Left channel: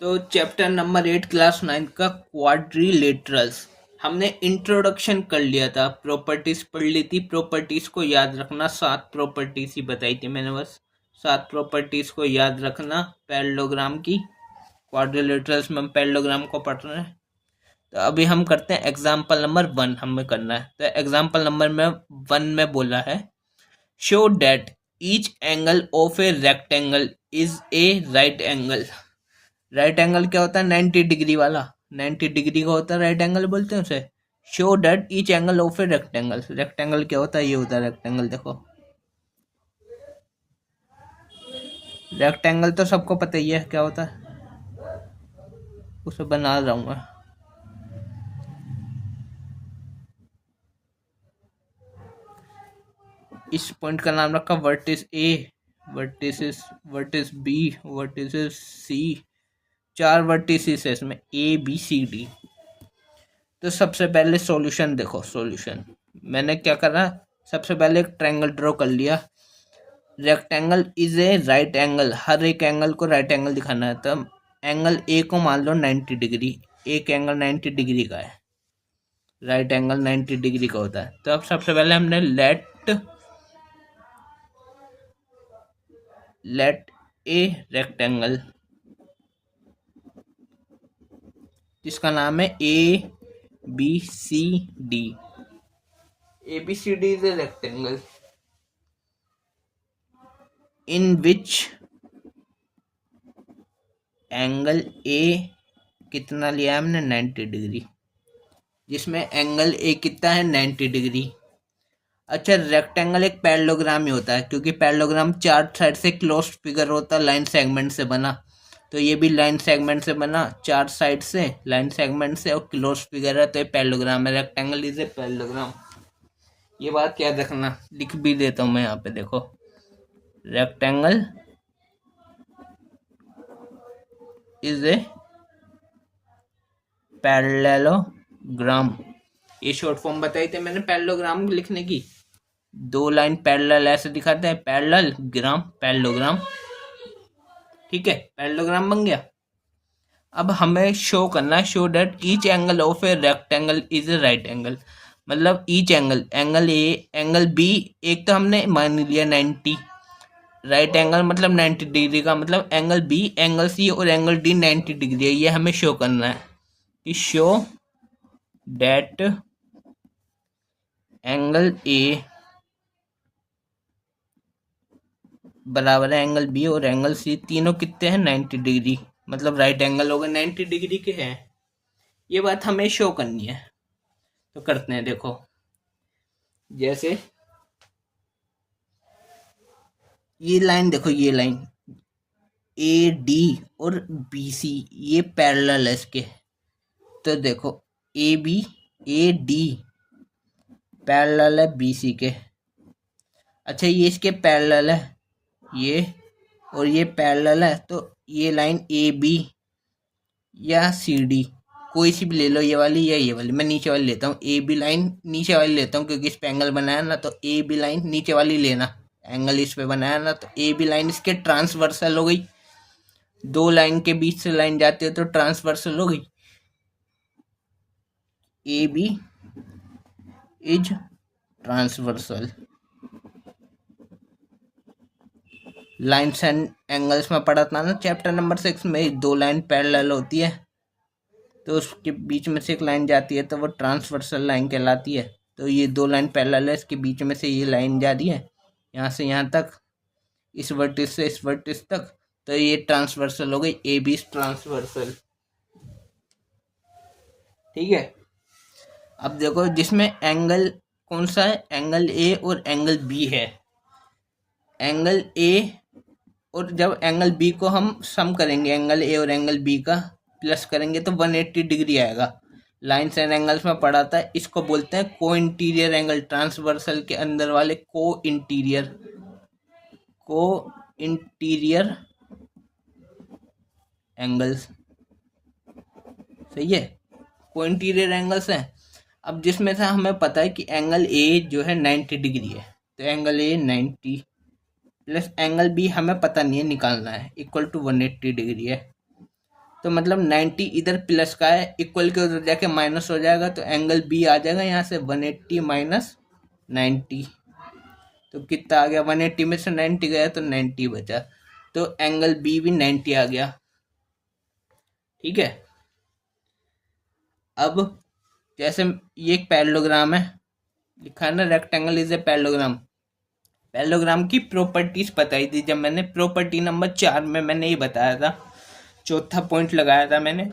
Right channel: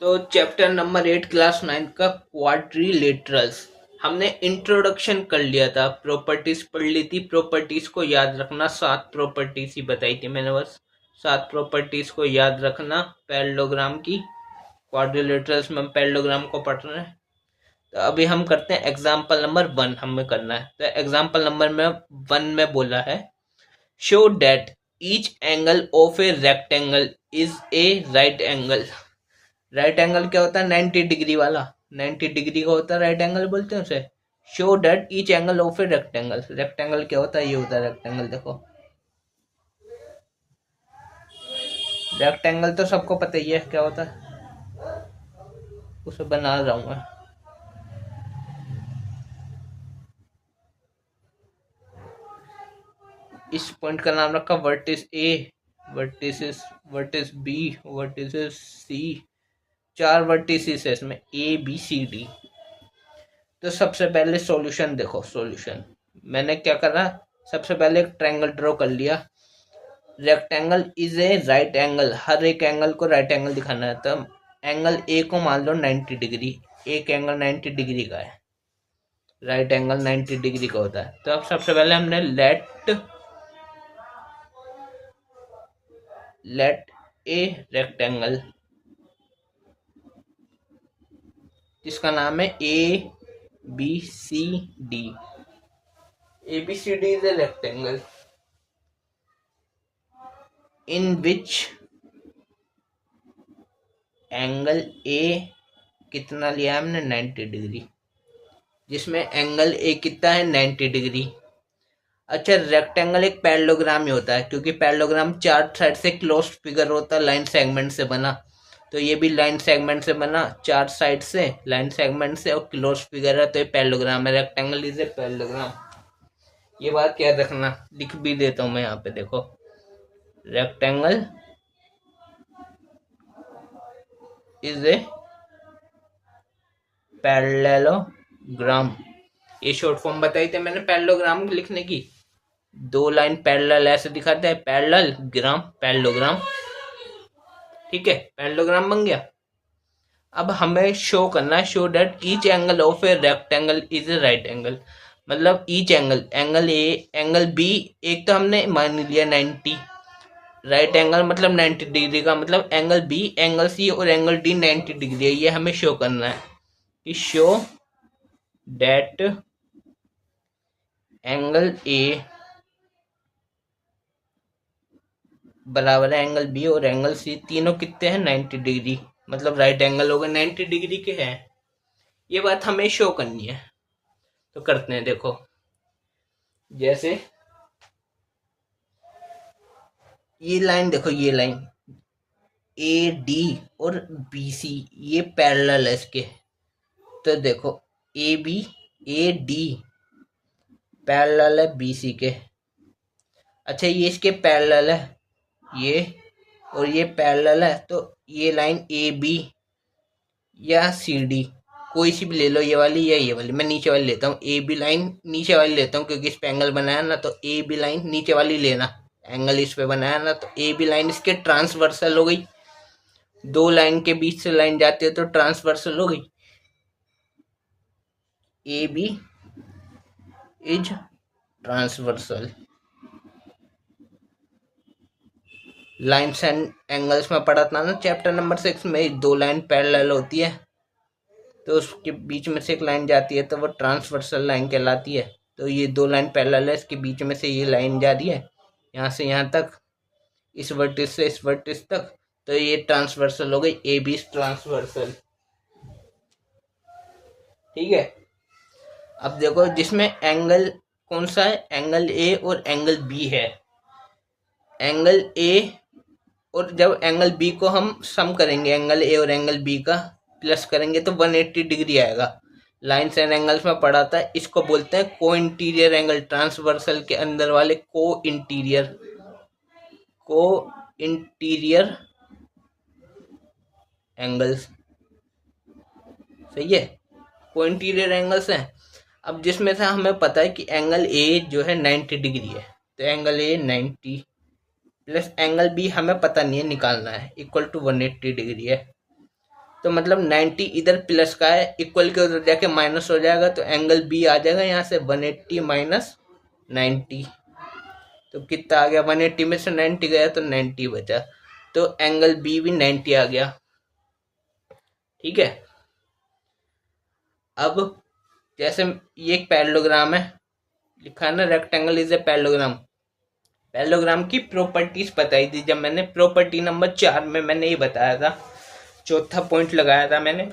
तो chapter number 8 class 9 का quadrilaterals हमने इंट्रोडक्शन कर लिया था। प्रॉपर्टीज पढ़ ली थी। प्रॉपर्टीज को याद रखना, 7 प्रॉपर्टीज ही बताई थी मैंने, बस 7 प्रॉपर्टीज को याद रखना पैरेललोग्राम की। क्वाड्रिलेटरल्स में हम पैरेललोग्राम को पढ़ रहे हैं। तो अभी हम करते हैं एग्जाम्पल नंबर 1 हमें करना है। तो एग्जाम्पल नंबर में 1 में बोला है show that each angle of a rectangle is a right angle. Right angle क्या होता है? 90 डिग्री वाला। 90 डिग्री का होता है राइट एंगल, बोलते हैं उसे। Show that each angle of a rectangle. Rectangle क्या होता है? ये होता है रेक्टेंगल। देखो रेक्टेंगल तो सबको पता ही है क्या होता है, उसे बना रहा हूं मैं। इस पॉइंट का नाम रखा वर्टिस ए, वर्टिस बी, वर्टिस सी। 4 वर्टिसेस है इसमें, ए बी सी डी। तो सबसे पहले सॉल्यूशन देखो। सॉल्यूशन मैंने क्या करा, सबसे पहले एक ट्रायंगल ड्रॉ कर लिया। Rectangle is a right angle, हर एक एंगल को राइट एंगल दिखाना है। तो एंगल ए को मान लो 90 डिग्री, एक एंगल 90 डिग्री का है, राइट एंगल 90 डिग्री का होता है। तो अब सबसे पहले हमने लेट ए रेक्टेंगल, जिसका नाम है A B C D. A B C D is a rectangle in which angle A कितना लिया है हमने? 90 डिग्री, जिसमें एंगल ए कितना है? 90 डिग्री। अच्छा, रेक्टेंगल एक पैरेललोग्राम ही होता है, क्योंकि पैरेललोग्राम 4 साइड से क्लोज्ड फिगर होता है, लाइन सेगमेंट से बना। तो ये भी लाइन सेगमेंट से बना, 4 साइड से लाइन सेगमेंट से, और क्लोज्ड फिगर है, तो ये पैरेललोग्राम है। Rectangle is a parallelogram. ये बात याद रखना, लिख भी देता हूँ मैं यहाँ पे। देखो रेक्टेंगल इज ए पैरेललोग्राम। ये शॉर्ट फॉर्म बताई थी मैंने पैरेललोग्राम लिखने की। 2 लाइन पैरेलल ऐसे दिखाते हैं, पैरेलल ग्राम, पैरेललोग्राम। ठीक है, पैरेललोग्राम बन गया। अब हमें शो करना है, show that each angle of a rectangle is a right angle. मतलब each angle, angle A angle B, एक तो हमने मान लिया 90, राइट एंगल मतलब 90 डिग्री का, मतलब एंगल बी, एंगल सी और एंगल डी 90 डिग्री है। ये हमें शो करना है कि शो डेट एंगल ए बराबर है एंगल बी और एंगल सी, तीनों कितने हैं? 90 डिग्री, मतलब राइट एंगल होगा 90 डिग्री के हैं। ये बात हमें शो करनी है, तो करते हैं। देखो जैसे ये लाइन देखो, ये लाइन ए डी और बी सी ये पैरेलल है इसके। तो देखो A B, A D parallel है बी सी के। अच्छा, ये इसके पैरेलल है, ये और ये पैरेलल है। तो ये लाइन ए बी या सी डी कोई सी भी ले लो, ये वाली या ये वाली। मैं नीचे वाली लेता हूँ, ए बी लाइन नीचे वाली लेता हूँ, क्योंकि इस पे एंगल बनाया ना, तो ए बी लाइन नीचे वाली लेना। एंगल इस पे बनाया ना, तो ए बी लाइन इसके ट्रांसवर्सल हो गई। 2 लाइन के बीच से लाइन जाती है तो ट्रांसवर्सल हो गई। A B is transversal. Lines and angles में पढ़ा था ना चैप्टर नंबर 6 में, 2 लाइन पैरेलल होती है तो उसके बीच में से एक लाइन जाती है, तो वो ट्रांसवर्सल लाइन कहलाती है। तो ये 2 लाइन पैरेलल है, इसके बीच में से ये लाइन जा रही है यहाँ से यहाँ तक, इस वर्टिस से इस वर्टिस तक, तो ये ट्रांसवर्सल हो गई, ए बी ट्रांसवर्सल। ठीक है। अब देखो जिसमें एंगल कौन सा है? एंगल ए और एंगल बी है। एंगल ए और जब एंगल बी को हम सम करेंगे, एंगल ए और एंगल बी का प्लस करेंगे, तो 180 डिग्री आएगा। लाइन्स एंड एंगल्स में पढ़ा था, इसको बोलते हैं को इंटीरियर एंगल। ट्रांसवर्सल के अंदर वाले को इंटीरियर एंगल्स, सही है, को इंटीरियर एंगल्स हैं। अब जिसमें से हमें पता है कि एंगल ए जो है 90 डिग्री है, तो angle A 90 plus angle B हमें पता नहीं है, निकालना है, इक्वल टू 180 डिग्री है। तो मतलब 90 इधर प्लस का है, इक्वल के उधर जाके माइनस हो जाएगा, तो एंगल बी आ जाएगा यहाँ से 180 माइनस 90। तो कितना आ गया, 180 में से 90 गया तो 90 बचा, तो एंगल बी भी 90 आ गया। ठीक है। अब जैसे ये एक पैरेललोग्राम है, लिखा है ना rectangle is a parallelogram. Parallelogram की प्रॉपर्टीज बताई थी जब मैंने प्रॉपर्टी नंबर 4 में मैंने ये बताया था, चौथा पॉइंट लगाया था मैंने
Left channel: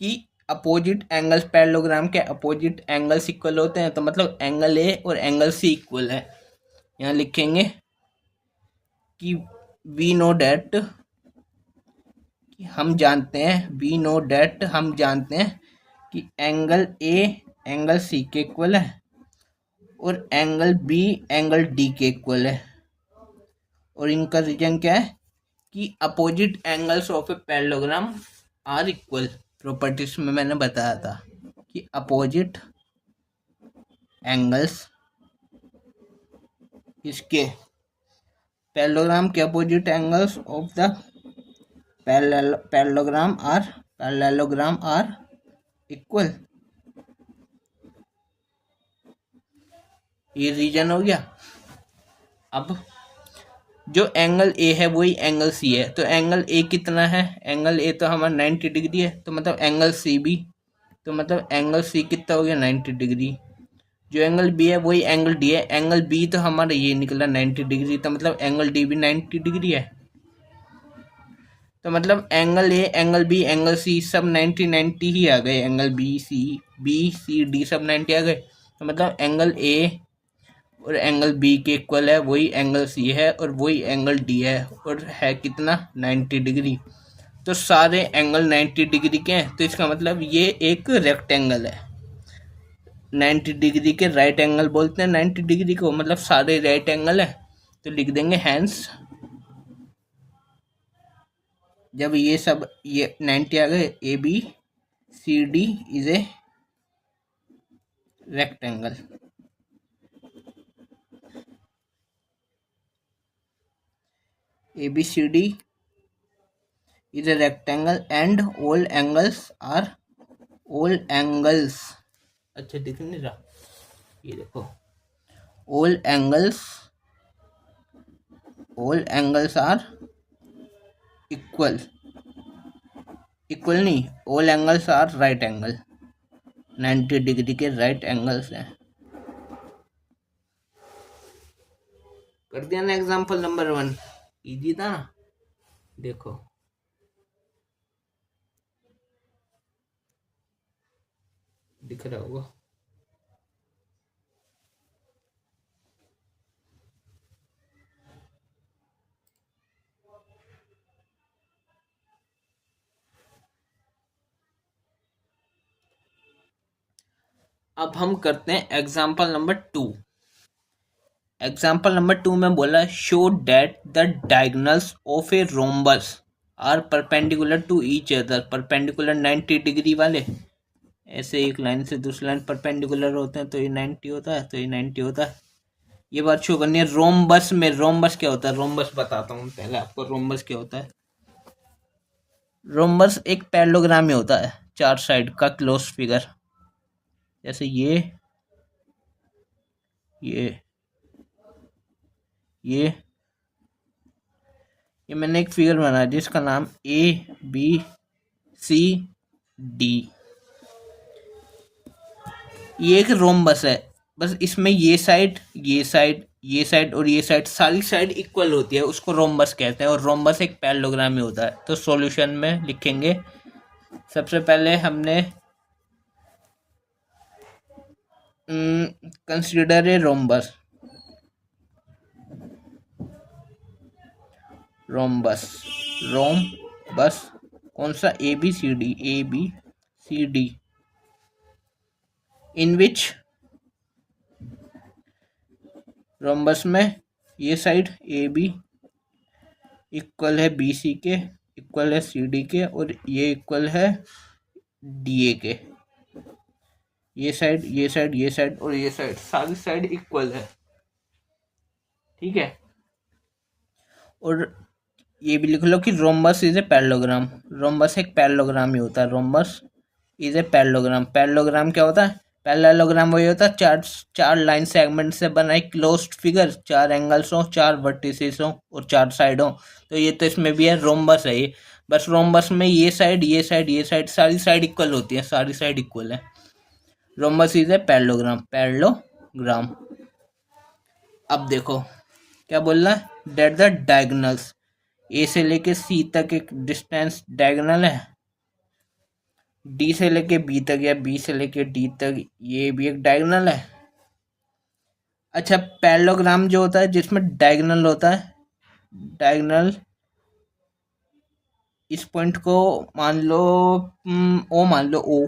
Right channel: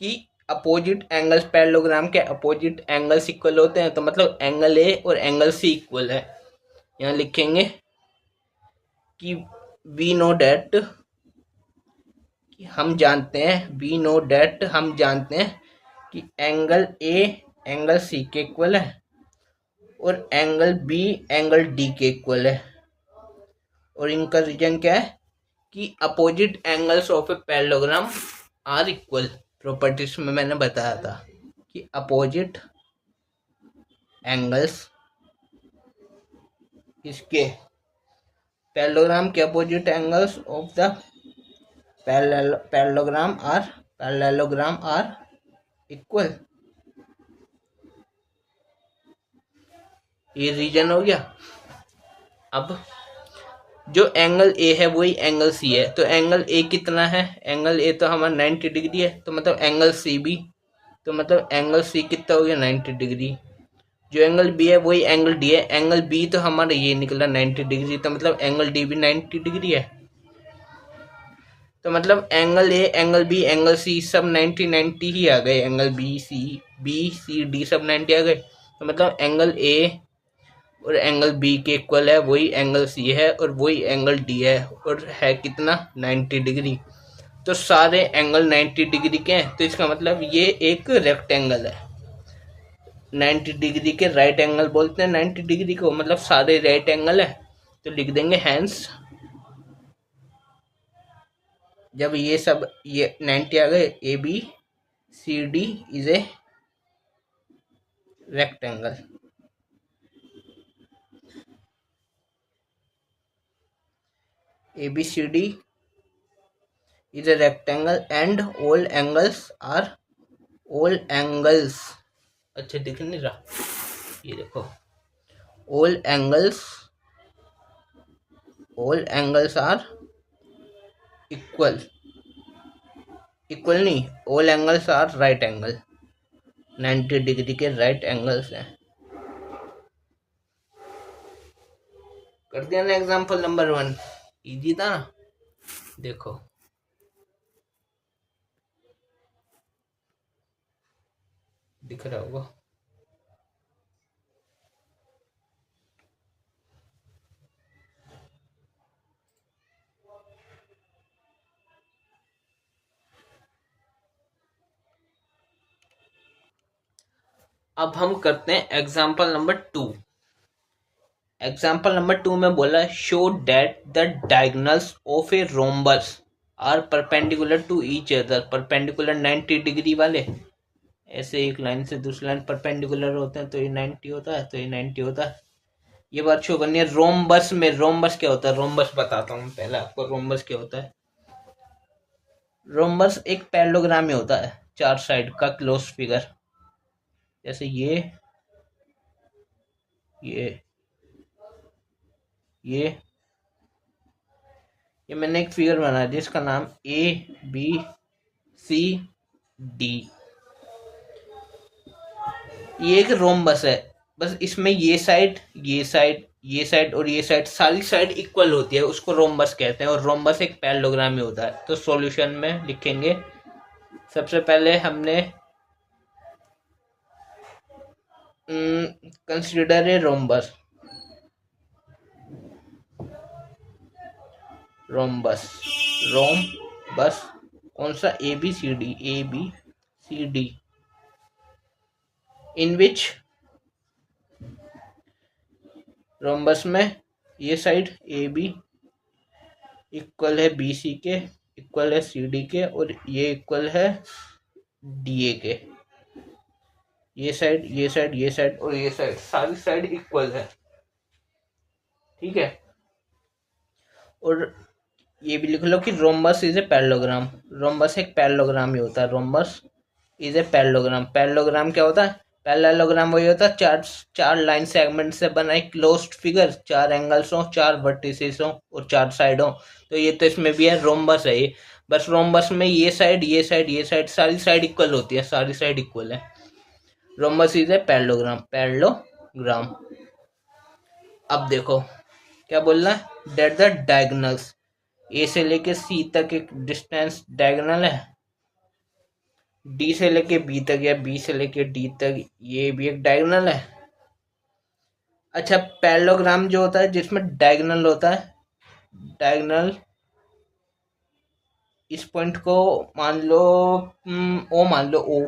कि अपोजिट एंगल्स पैरेललोग्राम के अपोजिट एंगल्स इक्वल होते हैं, तो मतलब एंगल ए और एंगल सी इक्वल है। यहाँ लिखेंगे कि वी नो डेट, हम जानते हैं, वी नो डेट हम जानते हैं कि एंगल ए एंगल सी के इक्वल है और एंगल बी एंगल डी के इक्वल है। और इनका रीजन क्या है कि opposite angles of a parallelogram are equal. Properties में मैंने बताया था कि अपोजिट एंगल्स इसके पैरेललोग्राम के opposite angles of the parallelogram are equal. ये रीजन हो गया। अब जो एंगल ए है वही एंगल सी है, तो एंगल ए कितना है, एंगल ए तो हमारा 90 डिग्री है, तो मतलब एंगल सी भी, तो मतलब एंगल सी कितना हो गया 90 डिग्री। जो एंगल बी है वही एंगल डी है, एंगल बी तो हमारा ये निकला 90 डिग्री, तो मतलब एंगल डी भी 90 डिग्री है। तो मतलब angle A angle B angle C सब 90 ही आ गए, एंगल बी सी डी सब 90 आ गए। तो मतलब एंगल ए और एंगल बी के इक्वल है, वही एंगल सी है और वही एंगल डी है, और है कितना 90 डिग्री। तो सारे एंगल 90 डिग्री के हैं, तो इसका मतलब ये एक रेक्टेंगल है। 90 डिग्री के राइट एंगल बोलते हैं 90 डिग्री को, मतलब सारे राइट एंगल है। तो लिख देंगे हैंस, जब ये सब ये 90 आ गए, A B C D is a rectangle. ABCD is a rectangle and all angles अच्छा दिख नहीं रहा, ये देखो, all angles are equal नहीं, all angles are right angle, 90 degree के राइट एंगल्स हैं। कर दिया ना एग्जाम्पल नंबर 1, इजी था ना। देखो दिख रहा होगा। अब हम करते हैं एग्जाम्पल नंबर 2। एग्जाम्पल नंबर 2 में बोला show that the diagonals of a rhombus are perpendicular to each other. Perpendicular 90 degree वाले, ऐसे एक लाइन से दूसरी लाइन परपेंडिकुलर होते हैं, तो ये 90 होता है, तो ये 90 होता है। ये बात शो करनी है। रोम्बस में, रोम्बस क्या होता है, रोम्बस बताता हूँ पहले आपको। रोम्बस क्या होता है, रोम्बस एक पैरेललोग्राम में होता है, 4 साइड का क्लोज फिगर। जैसे ये ये मैंने एक फिगर बनाया जिसका नाम ABCD। ये एक रोम्बस है, बस इसमें ये साइड और ये साइड, सारी साइड इक्वल होती है, उसको रोम्बस कहते हैं। और रोम्बस एक पैरेललोग्राम में होता है। तो सॉल्यूशन में लिखेंगे, सबसे पहले हमने कंसीडर ए रोम्बस कौन सा, ABCD इन विच रोम्बस में ये साइड AB इक्वल है BC के, इक्वल है CD के, और ये इक्वल है DA के। ये साइड और ये साइड, सारी साइड इक्वल है। ठीक है। और ये भी लिख लो कि rhombus is a parallelogram. Rhombus एक पैरेललोग्राम ही होता है। Rhombus is a parallelogram. Parallelogram क्या होता है? पैरेललोग्राम वही होता है चार चार लाइन सेगमेंट से बना एक क्लोज्ड फिगर, चार एंगल्स हो, चार वर्टिसेस हो और चार साइड हो। तो ये तो इसमें भी है, रोम्बस है ये। बस रोम्बस में ये साइड ये साइड ये साइड सारी साइड इक्वल होती है, सारी साइड इक्वल है। Rhombus is a parallelogram. Parallelogram. अब देखो क्या बोल रहा है, डेट द डायगोनल्स। ए से लेके सी तक एक डिस्टेंस डायगोनल है, डी से लेके बी तक या बी से लेके डी तक ये भी एक डायगोनल है। अच्छा, पैरेललोग्राम जो होता है जिसमें डायगोनल होता है, डायगोनल इस पॉइंट को मान लो ओ, मान लो ओ।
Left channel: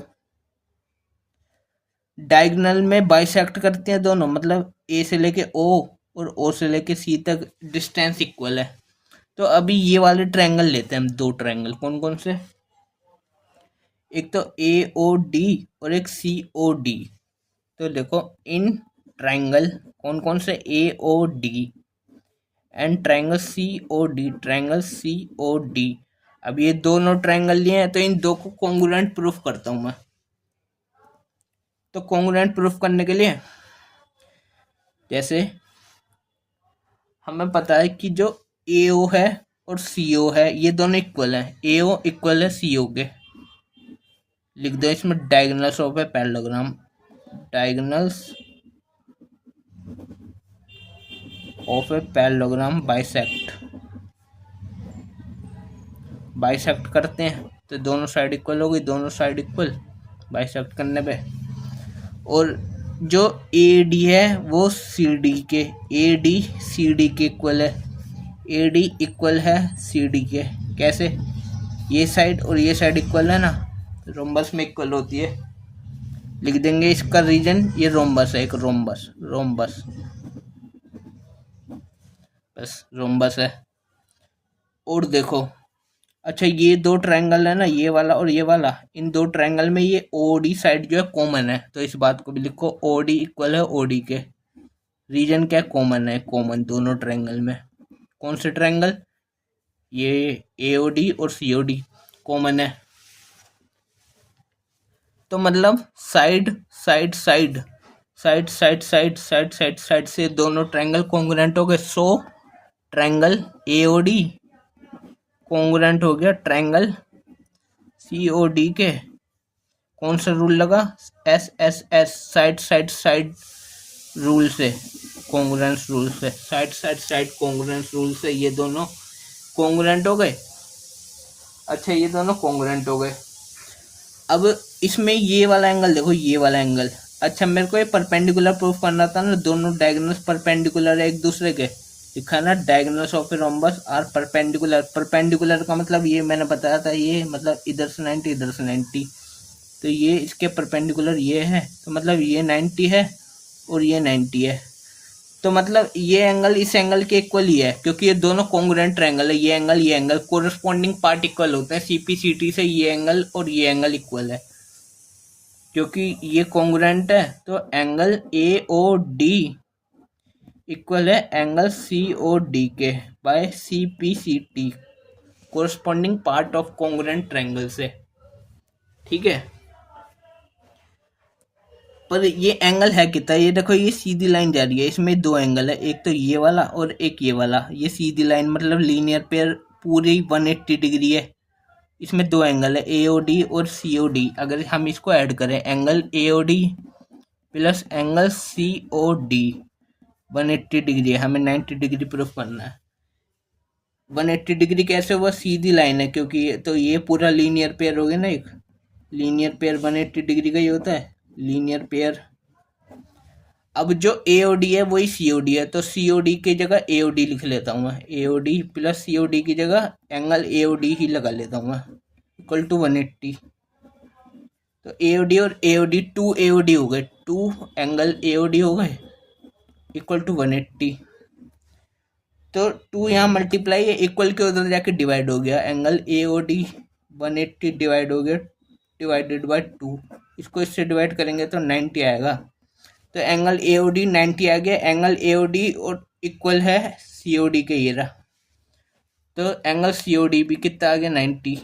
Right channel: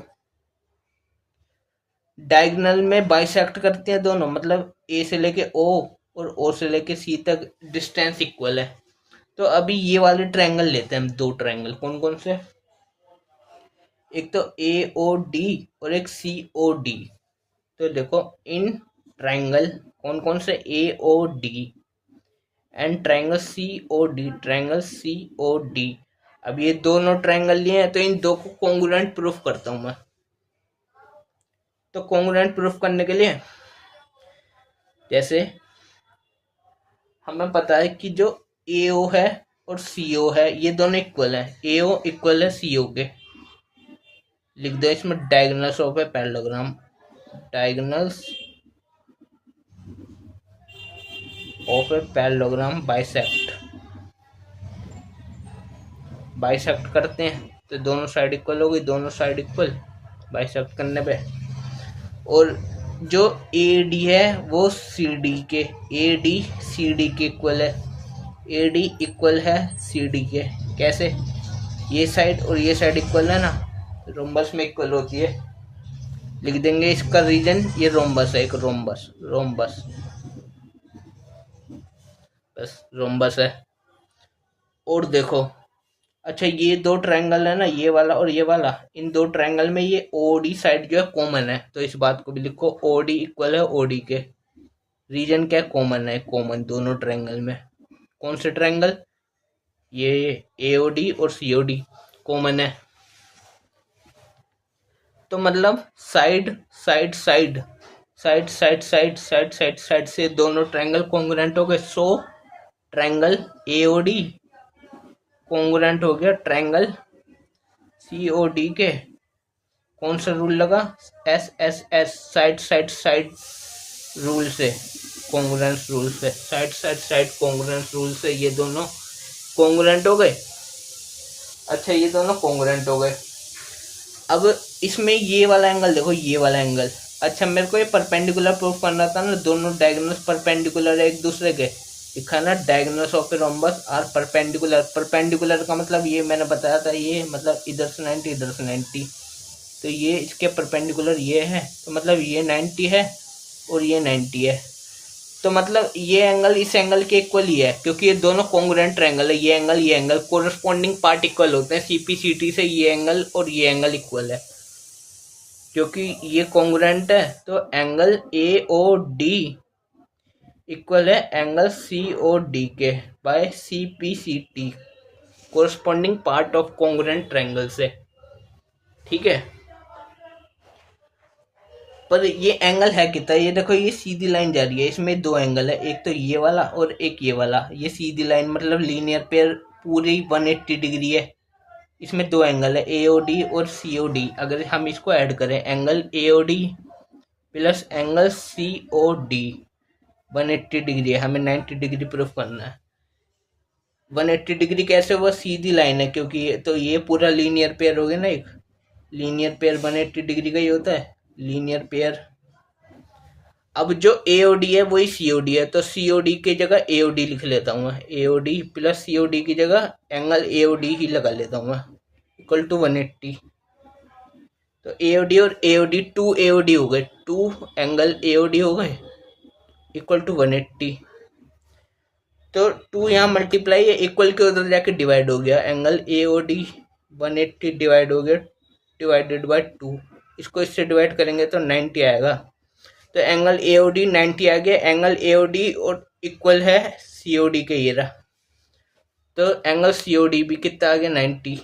डायगोनल में बाइसेक्ट करते हैं दोनों, मतलब ए से लेके ओ और ओ से लेके सी तक डिस्टेंस इक्वल है। तो अभी ये वाले ट्रायंगल लेते हैं हम, दो ट्रायंगल। कौन कौन से? एक तो ए ओ डी और एक सी ओ डी। तो देखो इन ट्रायंगल कौन कौन से, A O D and triangle C O D, triangle C O D. अब ये दोनों ट्रायंगल लिए हैं तो इन दो को कॉन्ग्रुएंट प्रूफ करता हूं मैं। तो कॉन्ग्रुएंट प्रूफ करने के लिए जैसे हमें पता है कि जो ए ओ है और सी ओ है ये दोनों इक्वल है, ए ओ इक्वल है सी ओ के। लिख दो इसमें diagonals of a parallelogram. Diagonals of a parallelogram bisect. Bisect करते हैं तो दोनों साइड इक्वल होगी, दोनों साइड इक्वल बाइसेक्ट करने पे। और जो ए डी है वो सी डी के, ए डी सी डी के इक्वल है। ए डी इक्वल है सी डी के। कैसे? ये साइड और ये साइड इक्वल है ना, रोम्बस में इक्वल होती है। लिख देंगे इसका रीजन, ये रोम्बस है, एक रोम्बस, रोम्बस बस रोम्बस है। और देखो, अच्छा ये दो ट्रायंगल है ना, ये वाला और ये वाला, इन दो ट्रायंगल में ये ओ डी साइड जो है कॉमन है, तो इस बात को भी लिखो, ओ डी इक्वल है ओ डी के। रीजन क्या है? कॉमन है, कॉमन दोनों ट्रायंगल में। कौन से ट्रायंगल? ये ए ओ डी और सी ओ डी कॉमन है। तो मतलब side side side side side side side side side से दोनों ट्रायंगल कॉन्ग्रुएंट हो गए। So triangle A O D congruent हो गया ट्रायंगल सी ओ डी के। कौन सा रूल लगा? S S S, side side side rule से, कॉन्ग्रुएंस रूल से, side side side congruence rule से ये दोनों कॉन्ग्रुएंट हो गए। अच्छा ये दोनों कॉन्ग्रुएंट हो गए। अब इसमें ये वाला एंगल देखो, ये वाला एंगल। अच्छा मेरे को ये परपेंडिकुलर प्रूफ करना था ना, दोनों डायगोनल्स परपेंडिकुलर है एक दूसरे के। लिखा ना, diagonals of a rhombus are perpendicular. Perpendicular का मतलब ये मैंने बताया था, ये मतलब इधर से 90 इधर से 90। तो ये इसके परपेंडिकुलर ये है, तो मतलब ये 90 है और ये 90 है। तो मतलब ये एंगल इस एंगल के इक्वल ही है, क्योंकि ये दोनों कॉन्ग्रुएंट ट्रायंगल है। ये एंगल कोरस्पॉन्डिंग पार्ट इक्वल होते हैं। सीपी सीटी से ये एंगल और ये एंगल इक्वल है, क्योंकि ये कॉन्ग्रुएंट है। तो angle A O D equal है एंगल सी ओ डी के by C P C T, corresponding part of congruent triangle से। ठीक है, पर ये एंगल है कितना? ये देखो ये सीधी लाइन जा रही है, इसमें दो एंगल है, एक तो ये वाला और एक ये वाला। ये सीधी लाइन मतलब लीनियर पेयर पूरी 180 डिग्री है। इसमें दो एंगल है, ए ओ डी और सी ओ डी। अगर हम इसको ऐड करें, angle A O D plus angle C O D 180 degree है, हमें 90 डिग्री प्रूफ करना है। 180 डिग्री कैसे हुआ? सीधी लाइन है, क्योंकि तो ये पूरा लीनियर पेयर हो गया ना, एक लीनियर पेयर 180 डिग्री का ही होता है, लीनियर पेयर। अब जो ए ओ डी है वही सी ओ डी है, तो सी ओ डी की जगह ए ओ डी लिख लेता हूँ मैं। ए ओ डी प्लस सी ओ डी की जगह एंगल ए ओ डी ही लगा लेता हूँ मैं, इक्वल टू 180। तो ए ओ डी और A O D, two A O D हो गए, two angle A O D हो गए, इक्वल टू 180। तो टू यहाँ मल्टीप्लाई है, इक्वल के उधर जाके डिवाइड हो गया, angle A O D 180 divide हो गया, डिवाइडेड बाय 2। इसको इससे डिवाइड करेंगे तो 90 आएगा। तो एंगल ए ओ डी 90 आ गया। एंगल ए ओ डी और इक्वल है सी ओ डी के, ये रहा। तो एंगल सीओडी भी कितना आ गया 90।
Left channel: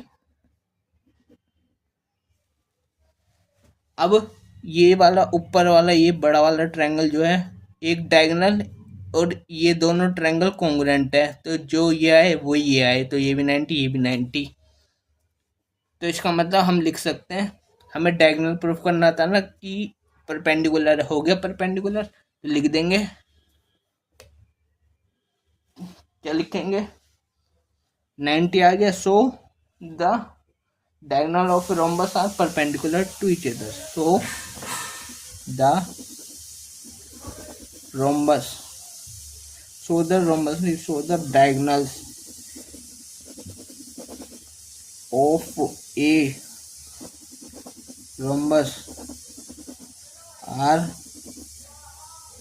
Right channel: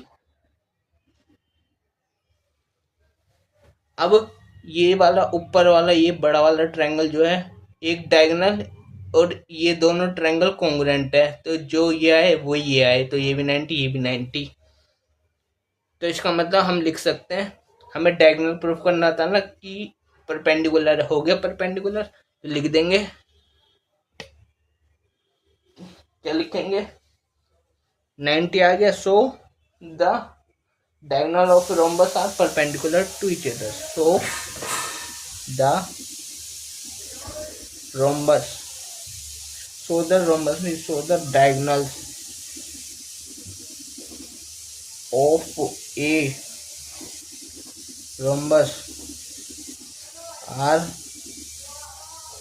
अब ये वाला ऊपर वाला ये बड़ा वाला ट्रायंगल जो है एक डायगोनल, और ये दोनों ट्रायंगल कॉन्ग्रुएंट है, तो जो ये आए वो ये आए, तो ये भी 90 ये भी 90। तो इसका मतलब हम लिख सकते हैं, हमें डायगोनल प्रूफ करना था ना कि परपेंडिकुलर हो गया परपेंडिकुलर, तो लिख देंगे, क्या लिखेंगे 90 आ गया। So the diagonal of rhombus are perpendicular to each other. So the rhombus, show the diagonals of a rhombus are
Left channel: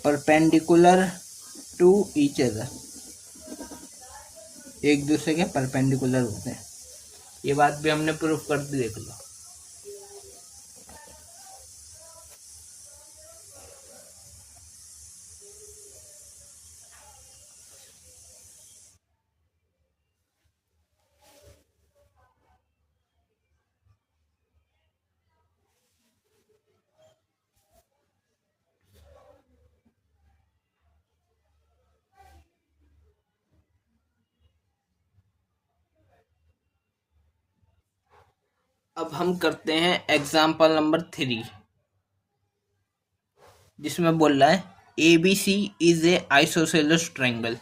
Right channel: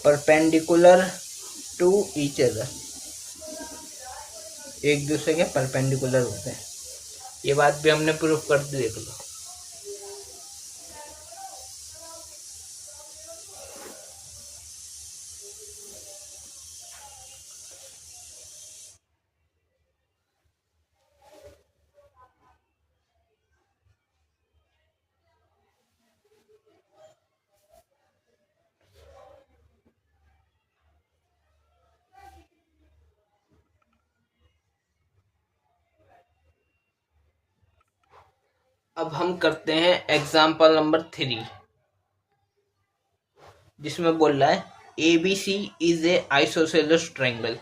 perpendicular to each other. एक दूसरे के परपेंडिकुलर होते हैं। ये बात भी हमने प्रूफ कर दी, देख लो। अब हम करते हैं एग्जाम्पल नंबर 3, जिसमें बोल रहा है A B C is a isosceles triangle.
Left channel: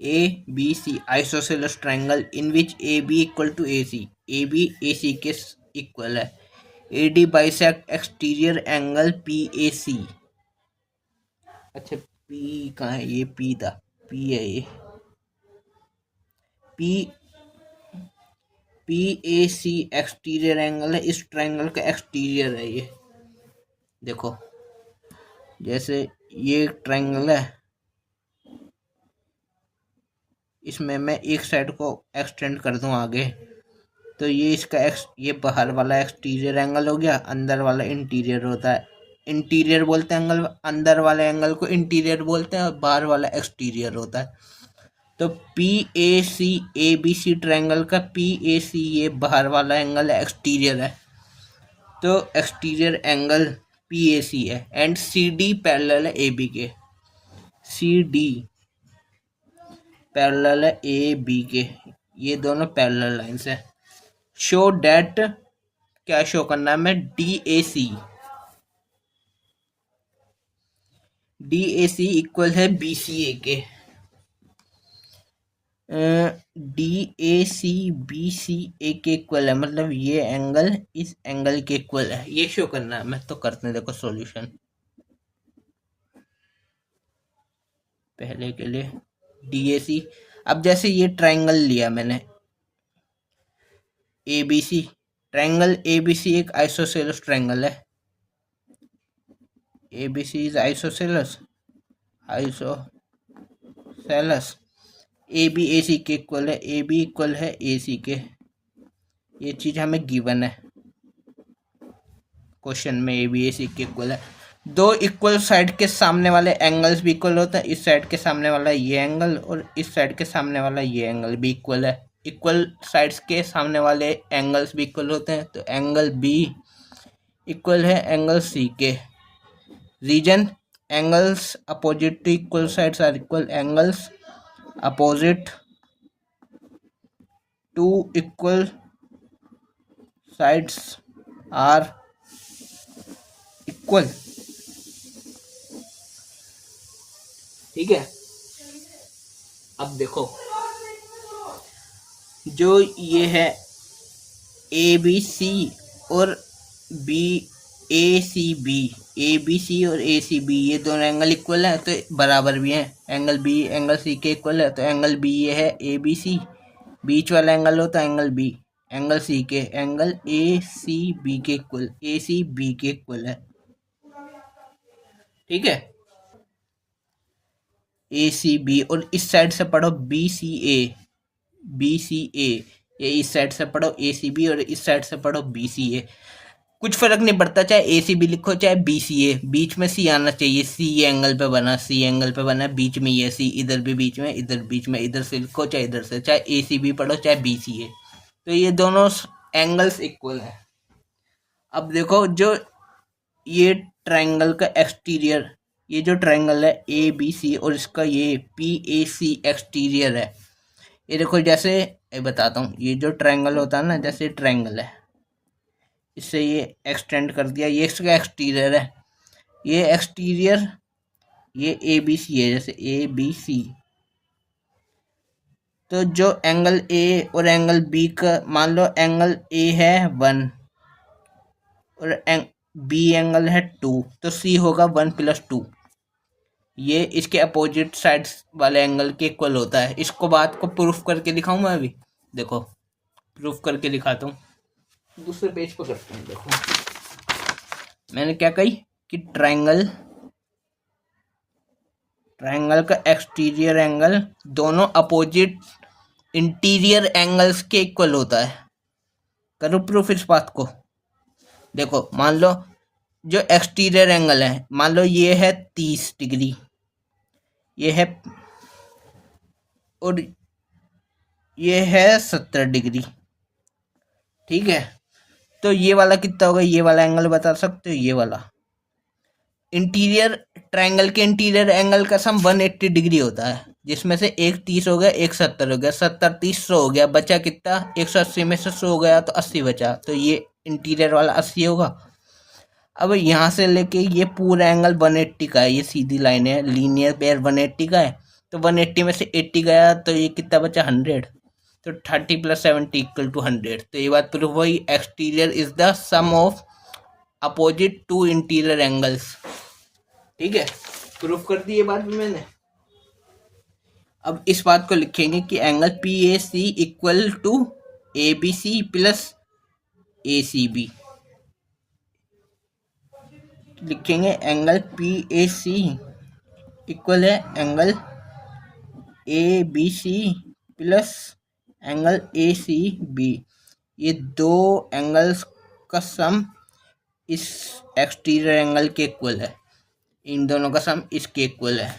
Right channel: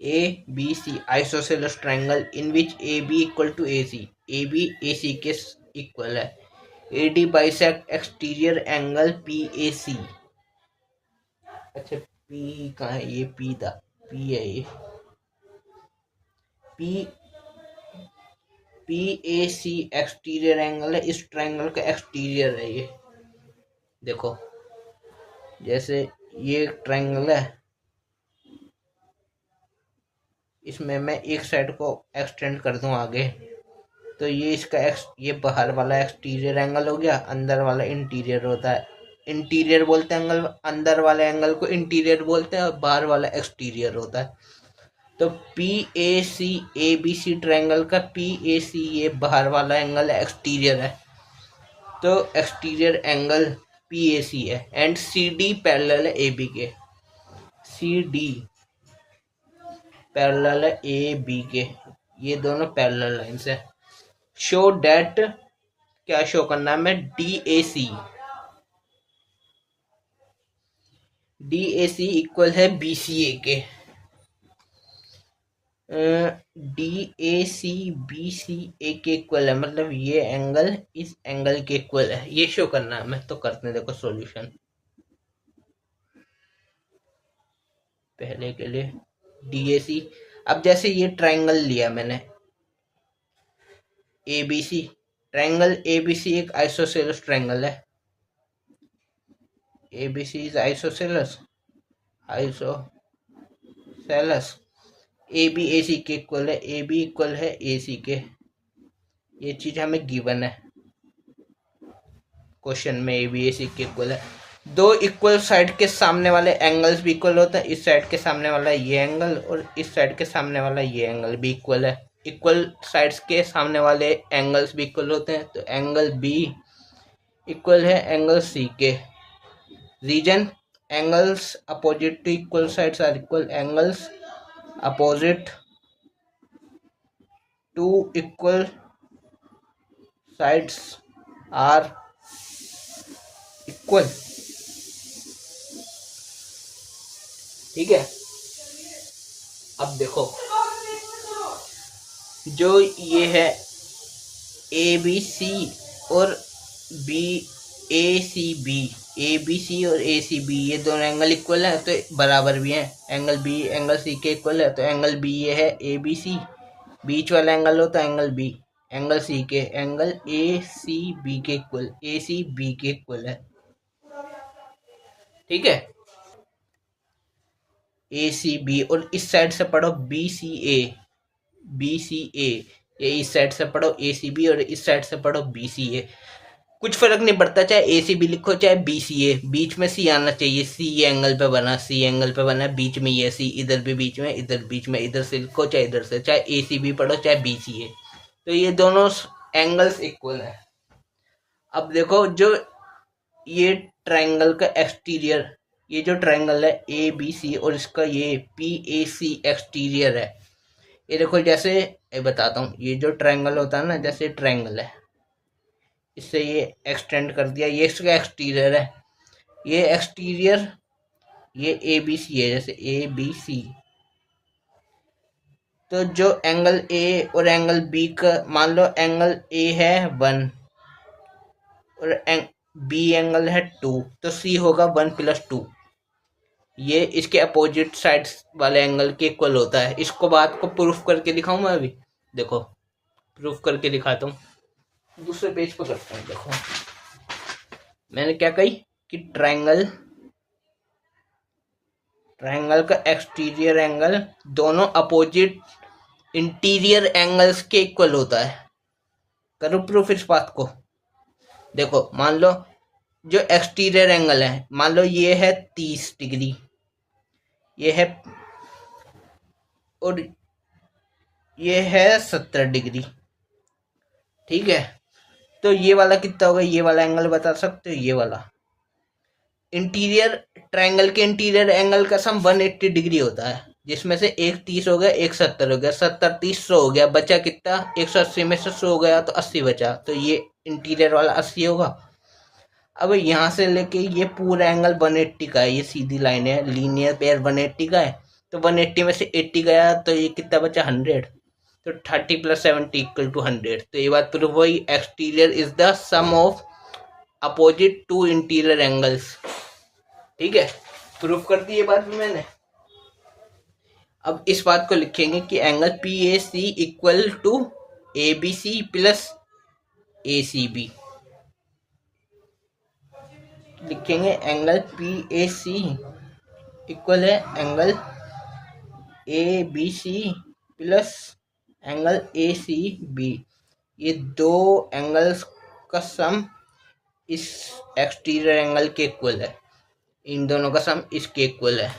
A B C isosceles triangle in which A B equal to A C, A B A C के इक्वल है। A D bisect exterior angle P A C. अच्छा P कहाँ है, ये P था, P है ये, P P A C exterior angle है, इस ट्रायंगल का एक्सटीरियर है ये। देखो जैसे ये ट्रायंगल है, इसमें मैं एक साइड को एक्सटेंड कर दूं आगे, तो ये इसका ये बाहर वाला एक्सटीरियर एंगल हो गया, अंदर वाला इंटीरियर होता है। इंटीरियर बोलते हैं एंगल, अंदर वाले एंगल को इंटीरियर बोलते हैं, और बाहर वाला एक्सटीरियर होता है। तो P A C A B C triangle का पी ए सी ये बाहर वाला एंगल है, एक्सटीरियर है, तो exterior angle P A C है। एंड सी डी पैरेलल है ए बी के, सी डी पैरेलल है ए बी के, ये दोनों पैरेलल लाइंस है। शो डेट, क्या शो करना है हमें, D A C, D A C equal है बी सी ए के। D A C B C A के इक्वल है, मतलब ये एंगल इस एंगल के इक्वल है, ये शो करना है हमें। तो करते हैं, देखो सॉल्यूशन। पहले के लिए डी ए सी, अब जैसे ये ट्रायंगल लिया मैंने A B C, triangle A B C एक आइसोसेलेस ट्रायंगल है, A B C is isosceles, isosceles. A B A C के इक्वल है, ए बी इक्वल है ए सी के, ये चीज हमें गिवन है क्वेश्चन में, ए बी ए सी के इक्वल है। दो इक्वल साइड के सामने वाले एंगल्स भी इक्वल होते हैं, इस साइड के सामने वाला ये एंगल और इस साइड के सामने वाला ये एंगल भी इक्वल है। इक्वल साइड्स के सामने वाले एंगल्स भी इक्वल होते हैं, तो एंगल बी इक्वल है एंगल सी के। Reason, angles opposite to equal sides are equal, angles opposite to equal sides are equal. ठीक है, अब देखो जो ये है ए बी सी और B A C B, A B C और ए सी बी ये दोनों एंगल इक्वल है, तो बराबर भी हैं। एंगल बी एंगल सी के इक्वल है, तो एंगल बी ये है ए बी सी, बीच वाला एंगल होता है एंगल बी, एंगल सी के एंगल ए सी बी के इक्वल, ए सी बी के इक्वल है। ठीक है, ए सी बी, और इस साइड से पढ़ो B C A, B C ए, ये इस साइड से पढ़ो ए सी बी और इस साइड से पढ़ो बी सी ए। कुछ फर्क नहीं पड़ता, चाहे ए सी बी लिखो चाहे बी सी ए, बीच में सी आना चाहिए। सी एंगल पे बना, सी एंगल पे बना, बीच में ये सी, इधर भी बीच में, इधर बीच में, इधर से लिखो चाहे इधर से, चाहे ए सी बी पढ़ो चाहे बी सी ए, तो ये दोनों एंगल्स इक्वल है। अब देखो जो ये ट्रायंगल का एक्सटीरियर, ये जो ट्रायंगल है ए बी सी और इसका ये पी ए सी एक्सटीरियर है, ये देखो जैसे ये बताता हूँ, ये जो ट्रायंगल होता है ना, जैसे ट्रायंगल है, इससे ये एक्सटेंड कर दिया, ये इसका एक्सटीरियर है, ये एक्सटीरियर, ये ए बी सी है, जैसे ए बी सी, तो जो एंगल ए और एंगल बी का, मान लो एंगल ए है 1 और बी एंगल है 2, तो सी होगा 1 + 2, ये इसके अपोजिट साइड्स वाले एंगल के इक्वल होता है। इसको बात को प्रूफ करके दिखाऊं मैं अभी, देखो प्रूफ करके दिखाता हूँ, दूसरे पेज पर करते हैं। देखो मैंने क्या कही कि ट्रायंगल का एक्सटीरियर एंगल दोनों अपोजिट इंटीरियर एंगल्स के इक्वल होता है। करो प्रूफ इस बात को। देखो मान लो जो एक्सटीरियर एंगल है, मान लो ये है 30 डिग्री, ये है, और ये है 70 डिग्री, ठीक है, तो ये वाला कितना होगा, ये वाला एंगल बता सकते हो, ये वाला इंटीरियर ट्रायंगल के इंटीरियर एंगल का सम 180 डिग्री होता है, जिसमें से एक 30 हो गया, एक 70 हो गया, 70 30 100 हो गया, बचा कितना, 180 में से 100 हो गया तो 80 बचा, तो ये इंटीरियर वाला 80 होगा। अब यहाँ से लेके ये पूरा एंगल 180 का है, ये सीधी लाइन है, लीनियर पेयर 180 का है, तो 180 में से 80 गया तो ये कितना बचा, 100, तो 30 + 70 = 100। तो ये बात प्रूफ हुई, exterior is the sum of opposite to interior angles, ठीक है, प्रूफ कर दी ये बात भी मैंने। अब इस बात को लिखेंगे कि angle P A C equal to A B C plus A C B, लिखेंगे angle P A C equal है angle A B C plus angle A C B, ये दो एंगल्स का सम इस एक्सटीरियर एंगल के इक्वल है, इन दोनों का सम इसके इक्वल है।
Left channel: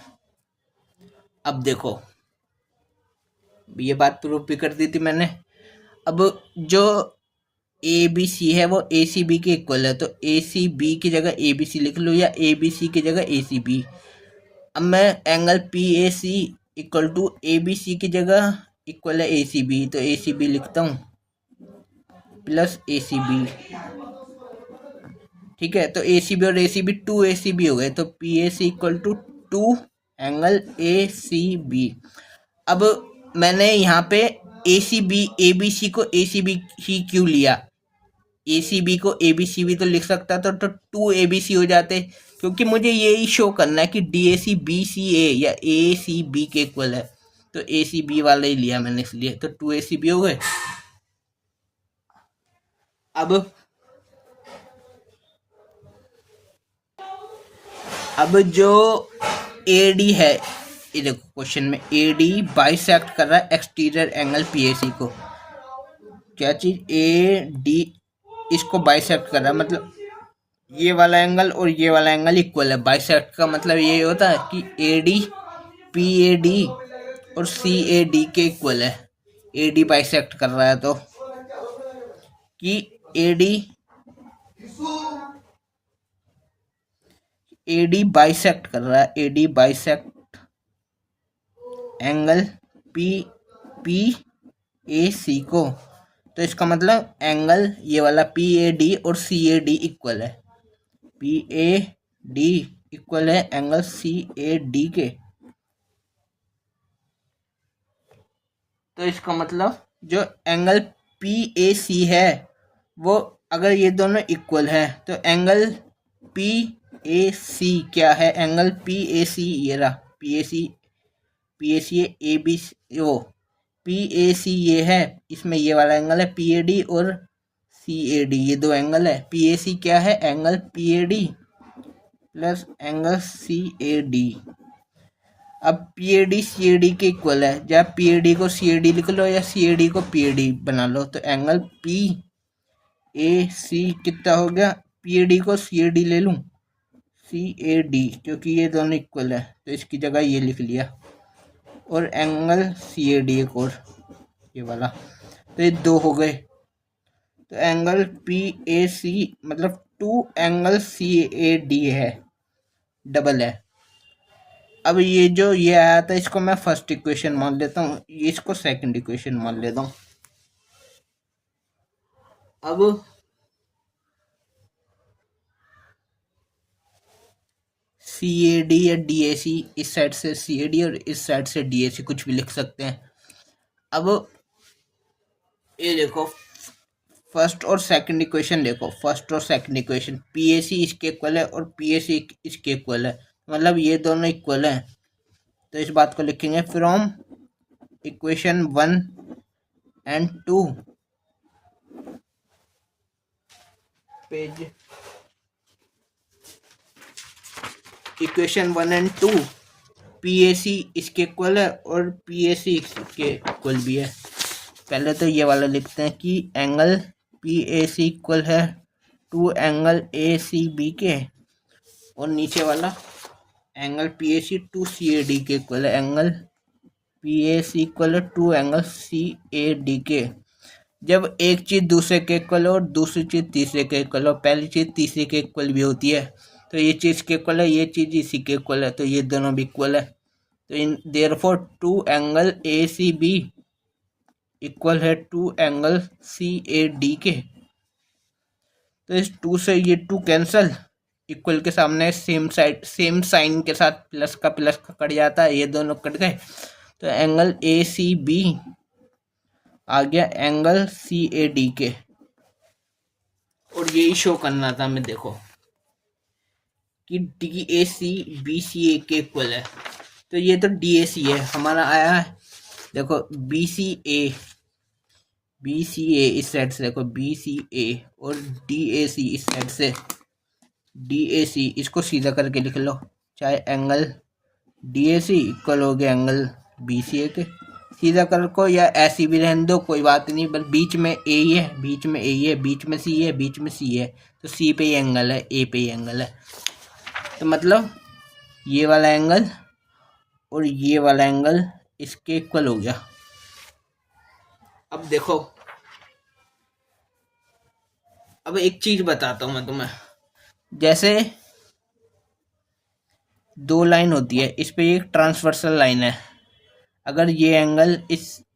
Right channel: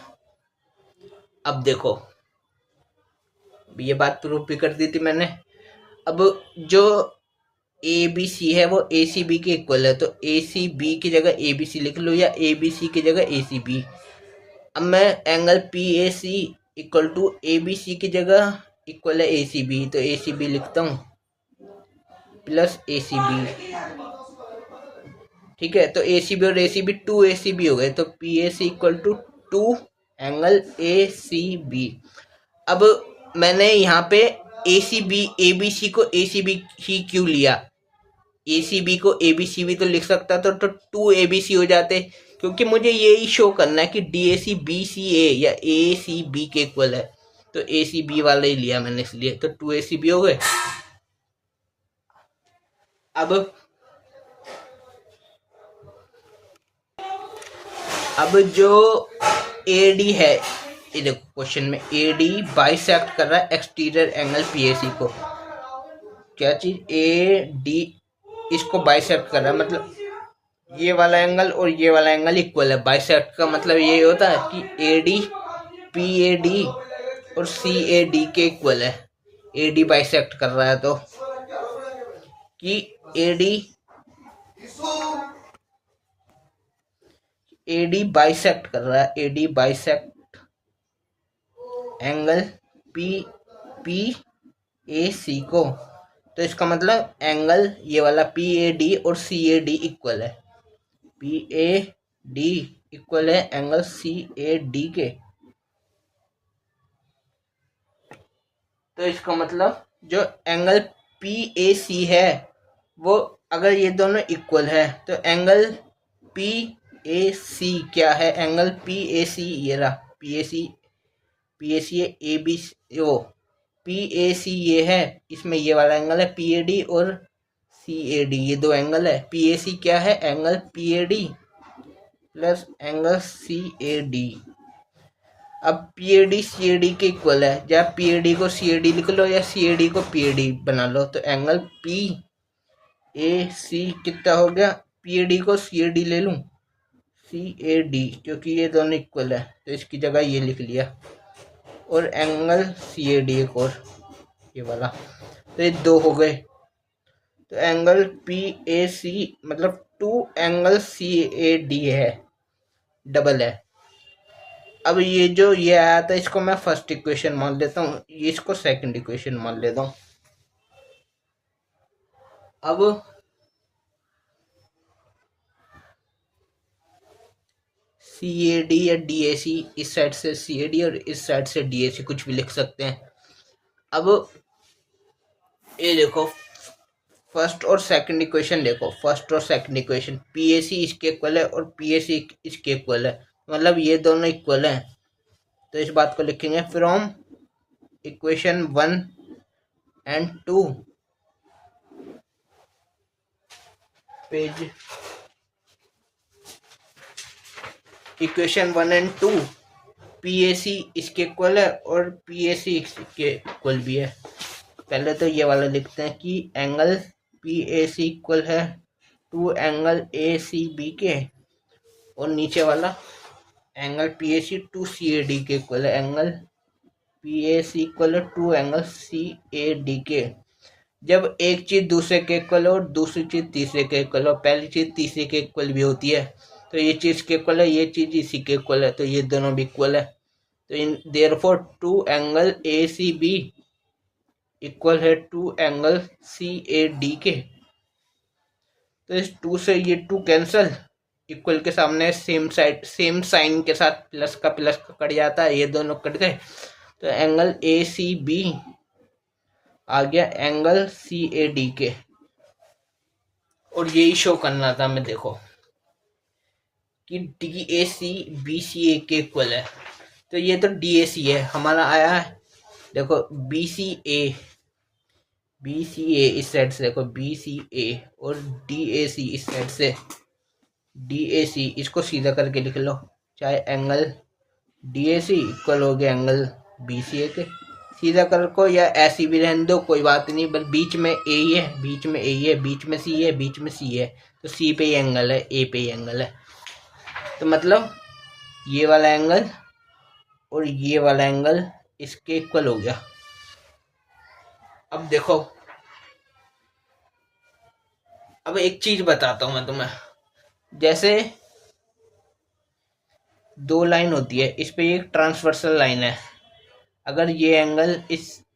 अब देखो ये बात प्रूफ भी कर दी थी मैंने। अब जो ए बी सी है वो ए सी बी के इक्वल है, तो ए सी बी की जगह ए बी सी लिख लो या ए बी सी की जगह ए सी बी। अब मैं angle P A C equal to A B C की जगह इक्वल है ए सी बी, तो ए सी बी लिखता हूँ प्लस ए सी बी, ठीक है, तो ए सी बी और A C B 2 A C B हो गए, तो P A C equal to 2 angle A C B. अब मैंने यहाँ पे ए सी बी ए बी सी को ए सी बी ही क्यों लिया, ए सी बी को ए बी सी भी तो लिख सकता तो 2 ए बी सी हो जाते, क्योंकि मुझे यही शो करना है कि D A C B C ए या ए सी बी के इक्वल है, तो ए सी बी वाला ही लिया मैंने इसलिए, तो 2 ए सी बी हो गए। अब जो ए डी है, ये देखो क्वेश्चन में ए डी बाइसेक्ट कर रहा है exterior angle P A C को, क्या चीज, ए डी इसको बाइसेक्ट कर रहा है, मतलब ये वाला एंगल और ये वाला एंगल इक्वल है। बाइसेक्ट का मतलब ये होता है कि A D P A D और सी ए डी के इक्वल है। ए डी बाइसेक्ट कर रहा है तो कि ए डी बाइसेक्ट कर रहा है, A D bisect angle P A C को, तो इसका मतलब एंगल ये वाला पी ए डी और सी ए डी इक्वल है, पी ए डी इक्वल है एंगल सी ए डी के, तो इसका मतलब जो एंगल पी ए सी है वो अगर ये दोनों इक्वल है तो एंगल पी ए सी क्या है, एंगल पी ए सी ये रहा, P A C A B O P A C ये है, इसमें ये वाला एंगल है पी ए डी और सी ए डी, ये दो एंगल है। पी ए सी क्या है, angle P A D plus angle C A D. अब P A D C A D के इक्वल है, या पी ए डी को सी ए डी लिख लो या सी ए डी को पी ए डी बना लो, तो एंगल पी ए सी कितना हो गया, पी ए डी को सी ए डी ले लूँ, सी ए डी, क्योंकि ये दोनों इक्वल है तो इसकी जगह ये लिख लिया, और एंगल सी ए डी एक और ये वाला, तो ये दो हो गए। तो एंगल पी ए सी मतलब 2 एंगल सी ए डी है, डबल है। अब ये जो ये आया था इसको मैं फर्स्ट इक्वेशन मान लेता हूँ, इसको सेकंड इक्वेशन मान लेता हूँ। अब सी ए डी या डी ए सी, इस साइड से सी ए डी और इस साइड से डी ए सी, कुछ भी लिख सकते हैं। अब ये देखो फर्स्ट और सेकंड इक्वेशन देखो, फर्स्ट और second equation P A C इसके इक्वल है और पी ए सी इसके इक्वल है, मतलब ये दोनों इक्वल हैं। तो इस बात को लिखेंगे from equation 1 and 2, page equation 1 and 2 P A C इसके इक्वल है और पी ए सी इसके इक्वल भी है। पहले तो ये वाला लिखते हैं कि angle P A C equal है 2 एंगल ए सी बी के, और नीचे वाला angle P A C 2 C A D के इक्वल है, angle P A C equal है 2 एंगल सी ए डी के। जब एक चीज़ दूसरे के इक्वल हो और दूसरी चीज़ तीसरे के इक्वल हो, पहली चीज़ तीसरे के इक्वल भी होती है, तो ये चीज़ के इक्वल है, ये चीज़ इसी के इक्वल है, तो ये दोनों भी इक्वल है। तो इन therefore 2 angle A C B equal है 2 एंगल सी ए डी के। तो इस 2 से ये 2 कैंसल, इक्वल के सामने सेम साइड सेम साइन के साथ प्लस का कट जाता है, ये दोनों कट गए। तो एंगल ए सी बी आ गया एंगल सी ए डी के, और यही शो करना था हमें, देखो कि D A C B C A के इक्वल है। तो ये तो डी ए सी है हमारा आया है, देखो बी सी ए इस साइड से, देखो बी सी ए और डी ए सी इस साइड से, डी ए सी इसको सीधा करके लिख लो, चाहे angle D A C equal हो गया एंगल बी सी ए के, सीधा कर को या ऐसी भी रहने दो कोई बात नहीं, बस बीच में ए ही है, बीच में ए ही है, बीच में सी है, बीच में सी है, तो सी पे ही एंगल है, ए पे ही एंगल है। तो मतलब ये वाला एंगल और ये वाला एंगल इसके इक्वल हो गया। अब देखो, अब एक चीज बताता हूं मैं तुम्हें, जैसे दो लाइन होती है, इस पे एक ट्रांसवर्सल लाइन है, अगर ये एंगल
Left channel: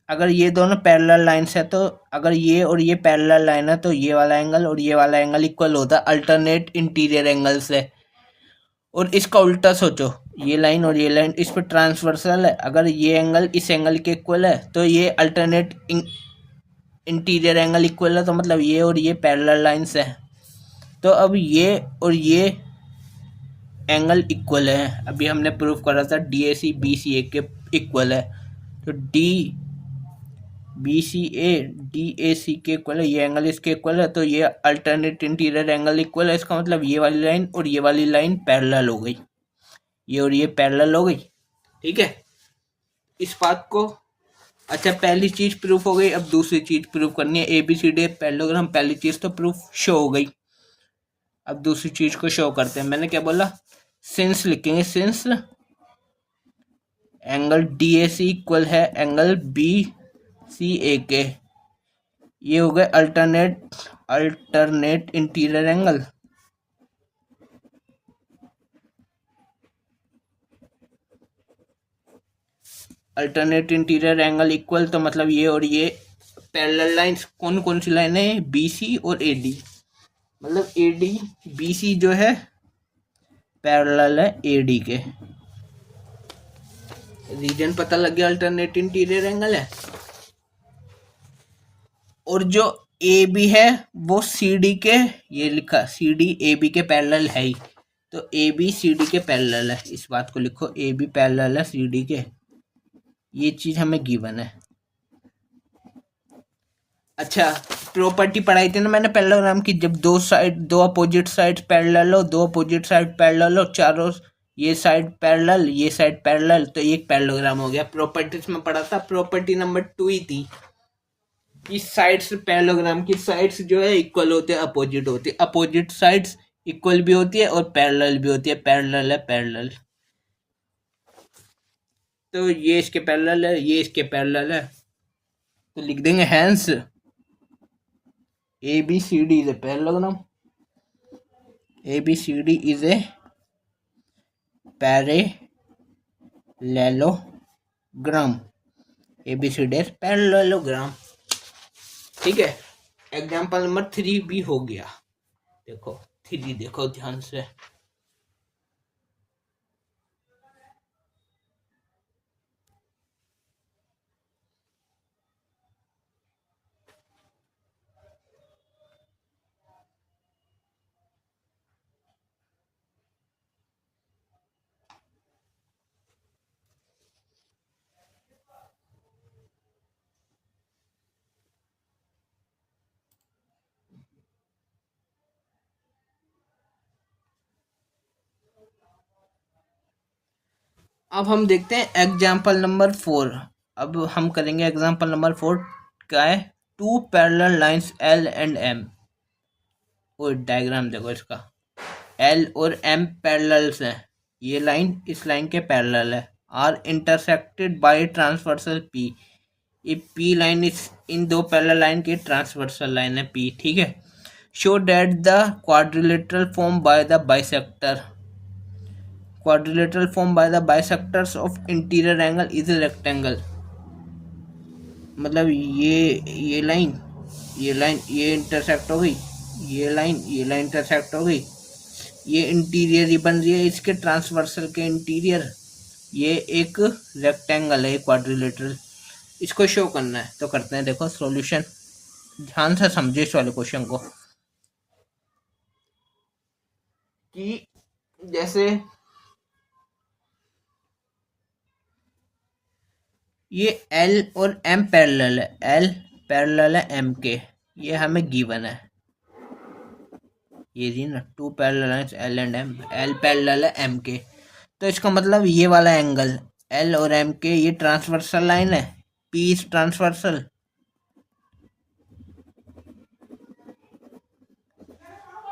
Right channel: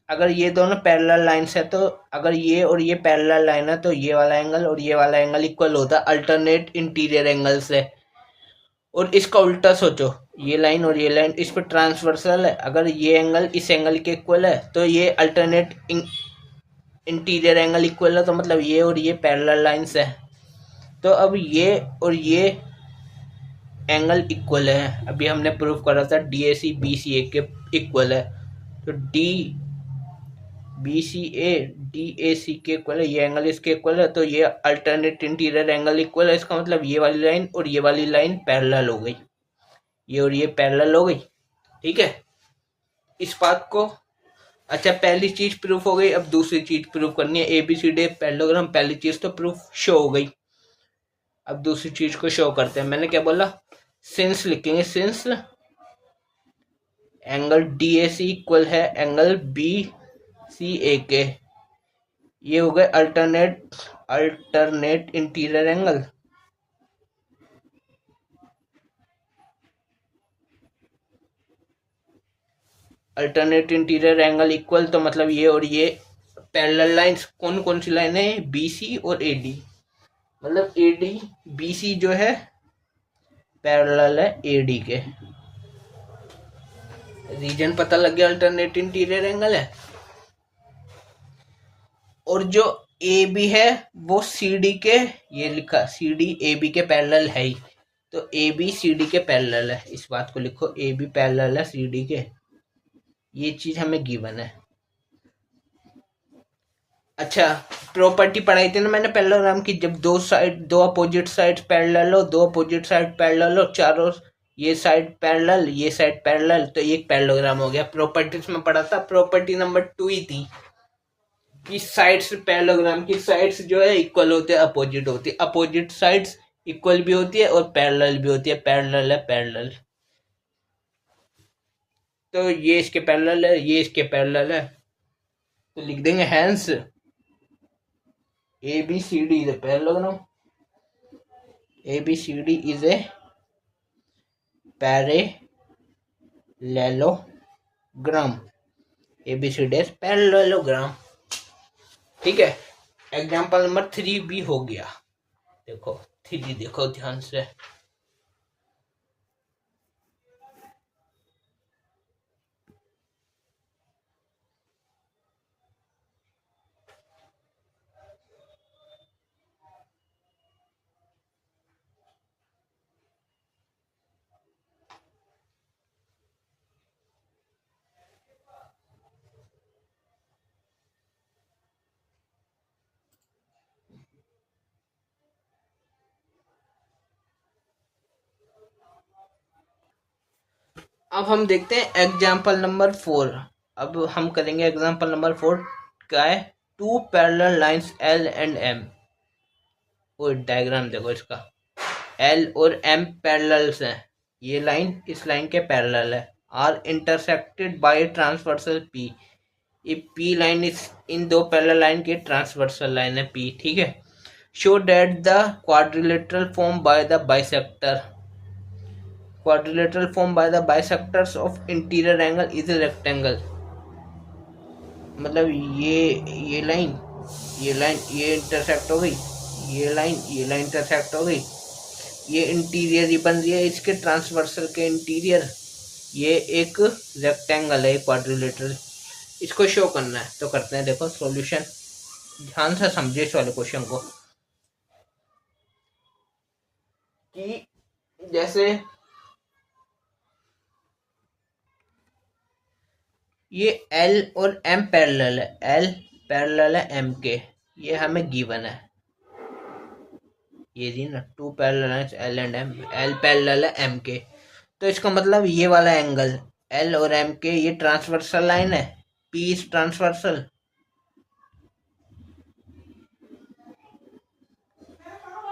अगर ये दोनों पैरेलल लाइंस है, तो अगर ये और ये पैरेलल लाइन है तो ये वाला एंगल और ये वाला एंगल इक्वल होता है अल्टरनेट इंटीरियर एंगल से। और इसका उल्टा सोचो, ये लाइन और ये लाइन इस पर ट्रांसवर्सल है, अगर ये एंगल इस एंगल के इक्वल है तो ये अल्टरनेट इंटीरियर एंगल इक्वल है, तो मतलब ये और ये पैरेलल लाइंस है। तो अब ये और ये एंगल इक्वल है, अभी हमने प्रूव करा था D A C B C A के इक्वल है, तो D B C A D A C के इक्वल है, ये एंगल इसके इक्वल है, तो ये अल्टरनेट इंटीरियर एंगल इक्वल है। इसका मतलब ये वाली लाइन और ये वाली लाइन पैरेलल हो गई, ये और ये पैरेलल हो गई, ठीक है इस बात को। अच्छा पहली चीज प्रूफ हो गई, अब दूसरी चीज प्रूफ करनी है, A B C D parallelogram, पहली चीज तो प्रूफ शो हो गई, अब दूसरी चीज को शो करते हैं। मैंने क्या बोला, सिंस लिखेंगे, since angle D A C equal है एंगल बी सी ए के, ये हो गए alternate interior angle, alternate interior angle equal, तो मतलब ये और ये पैरेलल लाइंस, कौन कौन सी लाइन है, बी सी और ए डी, मतलब ए डी बी सी जो है पैरेलल है ए डी के, रीजन पता लग गया अल्टरनेट इंटीरियर एंगल है। और जो ए बी है वो सी डी के, ये लिखा सी डी ए बी के पैरेलल है ही, तो ए बी सी डी के पैरेलल है, इस बात को लिखो ए बी पैरेलल है सी डी के, ये चीज हमें गिवन है। अच्छा प्रॉपर्टी पढ़ाई थी ना मैंने पैरेललोग्राम की, जब दो अपोजिट साइड पैरेलल हो, दो अपोजिट साइड पैरेलल हो, चारों ये साइड पैरेलल ये साइड पैरेलल, तो ये एक पैरेललोग्राम हो गया। प्रॉपर्टीज में पढ़ा था, प्रॉपर्टी नंबर 2 ही थी, कि साइड्स पैरेललोग्राम की साइड्स जो है इक्वल होते हैं, अपोजिट होती है, अपोजिट साइड्स इक्वल भी होती है और पैरेलल भी होती है, पैरेलल है पैरेलल। तो ये इसके पैरेलल है, ये इसके पैरेलल है, तो लिख देंगे hence A B C D is a parallelogram, A B C D is a parallelogram, A B C D is parallelogram. ठीक है, एग्जाम्पल नंबर 3 भी हो गया। देखो 3 देखो ध्यान से। अब हम देखते हैं एग्जाम्पल नंबर 4। अब हम करेंगे एग्जाम्पल नंबर 4। क्या है? 2 parallel lines L and M। और डायग्राम देखो इसका, L और M पैरेलल्स हैं, ये लाइन इस लाइन के पैरेलल है, are intersected by transversal P। ये P लाइन इस इन दो पैरेलल लाइन की ट्रांसवर्सल लाइन है P। ठीक है, show that the quadrilateral form by the bisector, quadrilateral formed by the bisectors of interior angle is a rectangle। मतलब ये लाइन ये इंटरसेक्ट हो गई, ये लाइन इंटरसेक्ट हो गई, ये इंटीरियर ही बन रही है इसके ट्रांसवर्सल के इंटीरियर, ये एक रेक्टेंगल है क्वाड्रिलेटरल, इसको शो करना है। तो करते हैं, देखो सॉल्यूशन, ध्यान से समझे इस वाले क्वेश्चन को। कि जैसे ये L और M पैरेलल है, L पैरेलल है M के, ये हमें गिवन है, ये जी ना 2 parallel lines L and M, L parallel है M के। तो इसका मतलब ये वाला एंगल L और M के, ये ट्रांसवर्सल लाइन है, P इज ट्रांसवर्सल।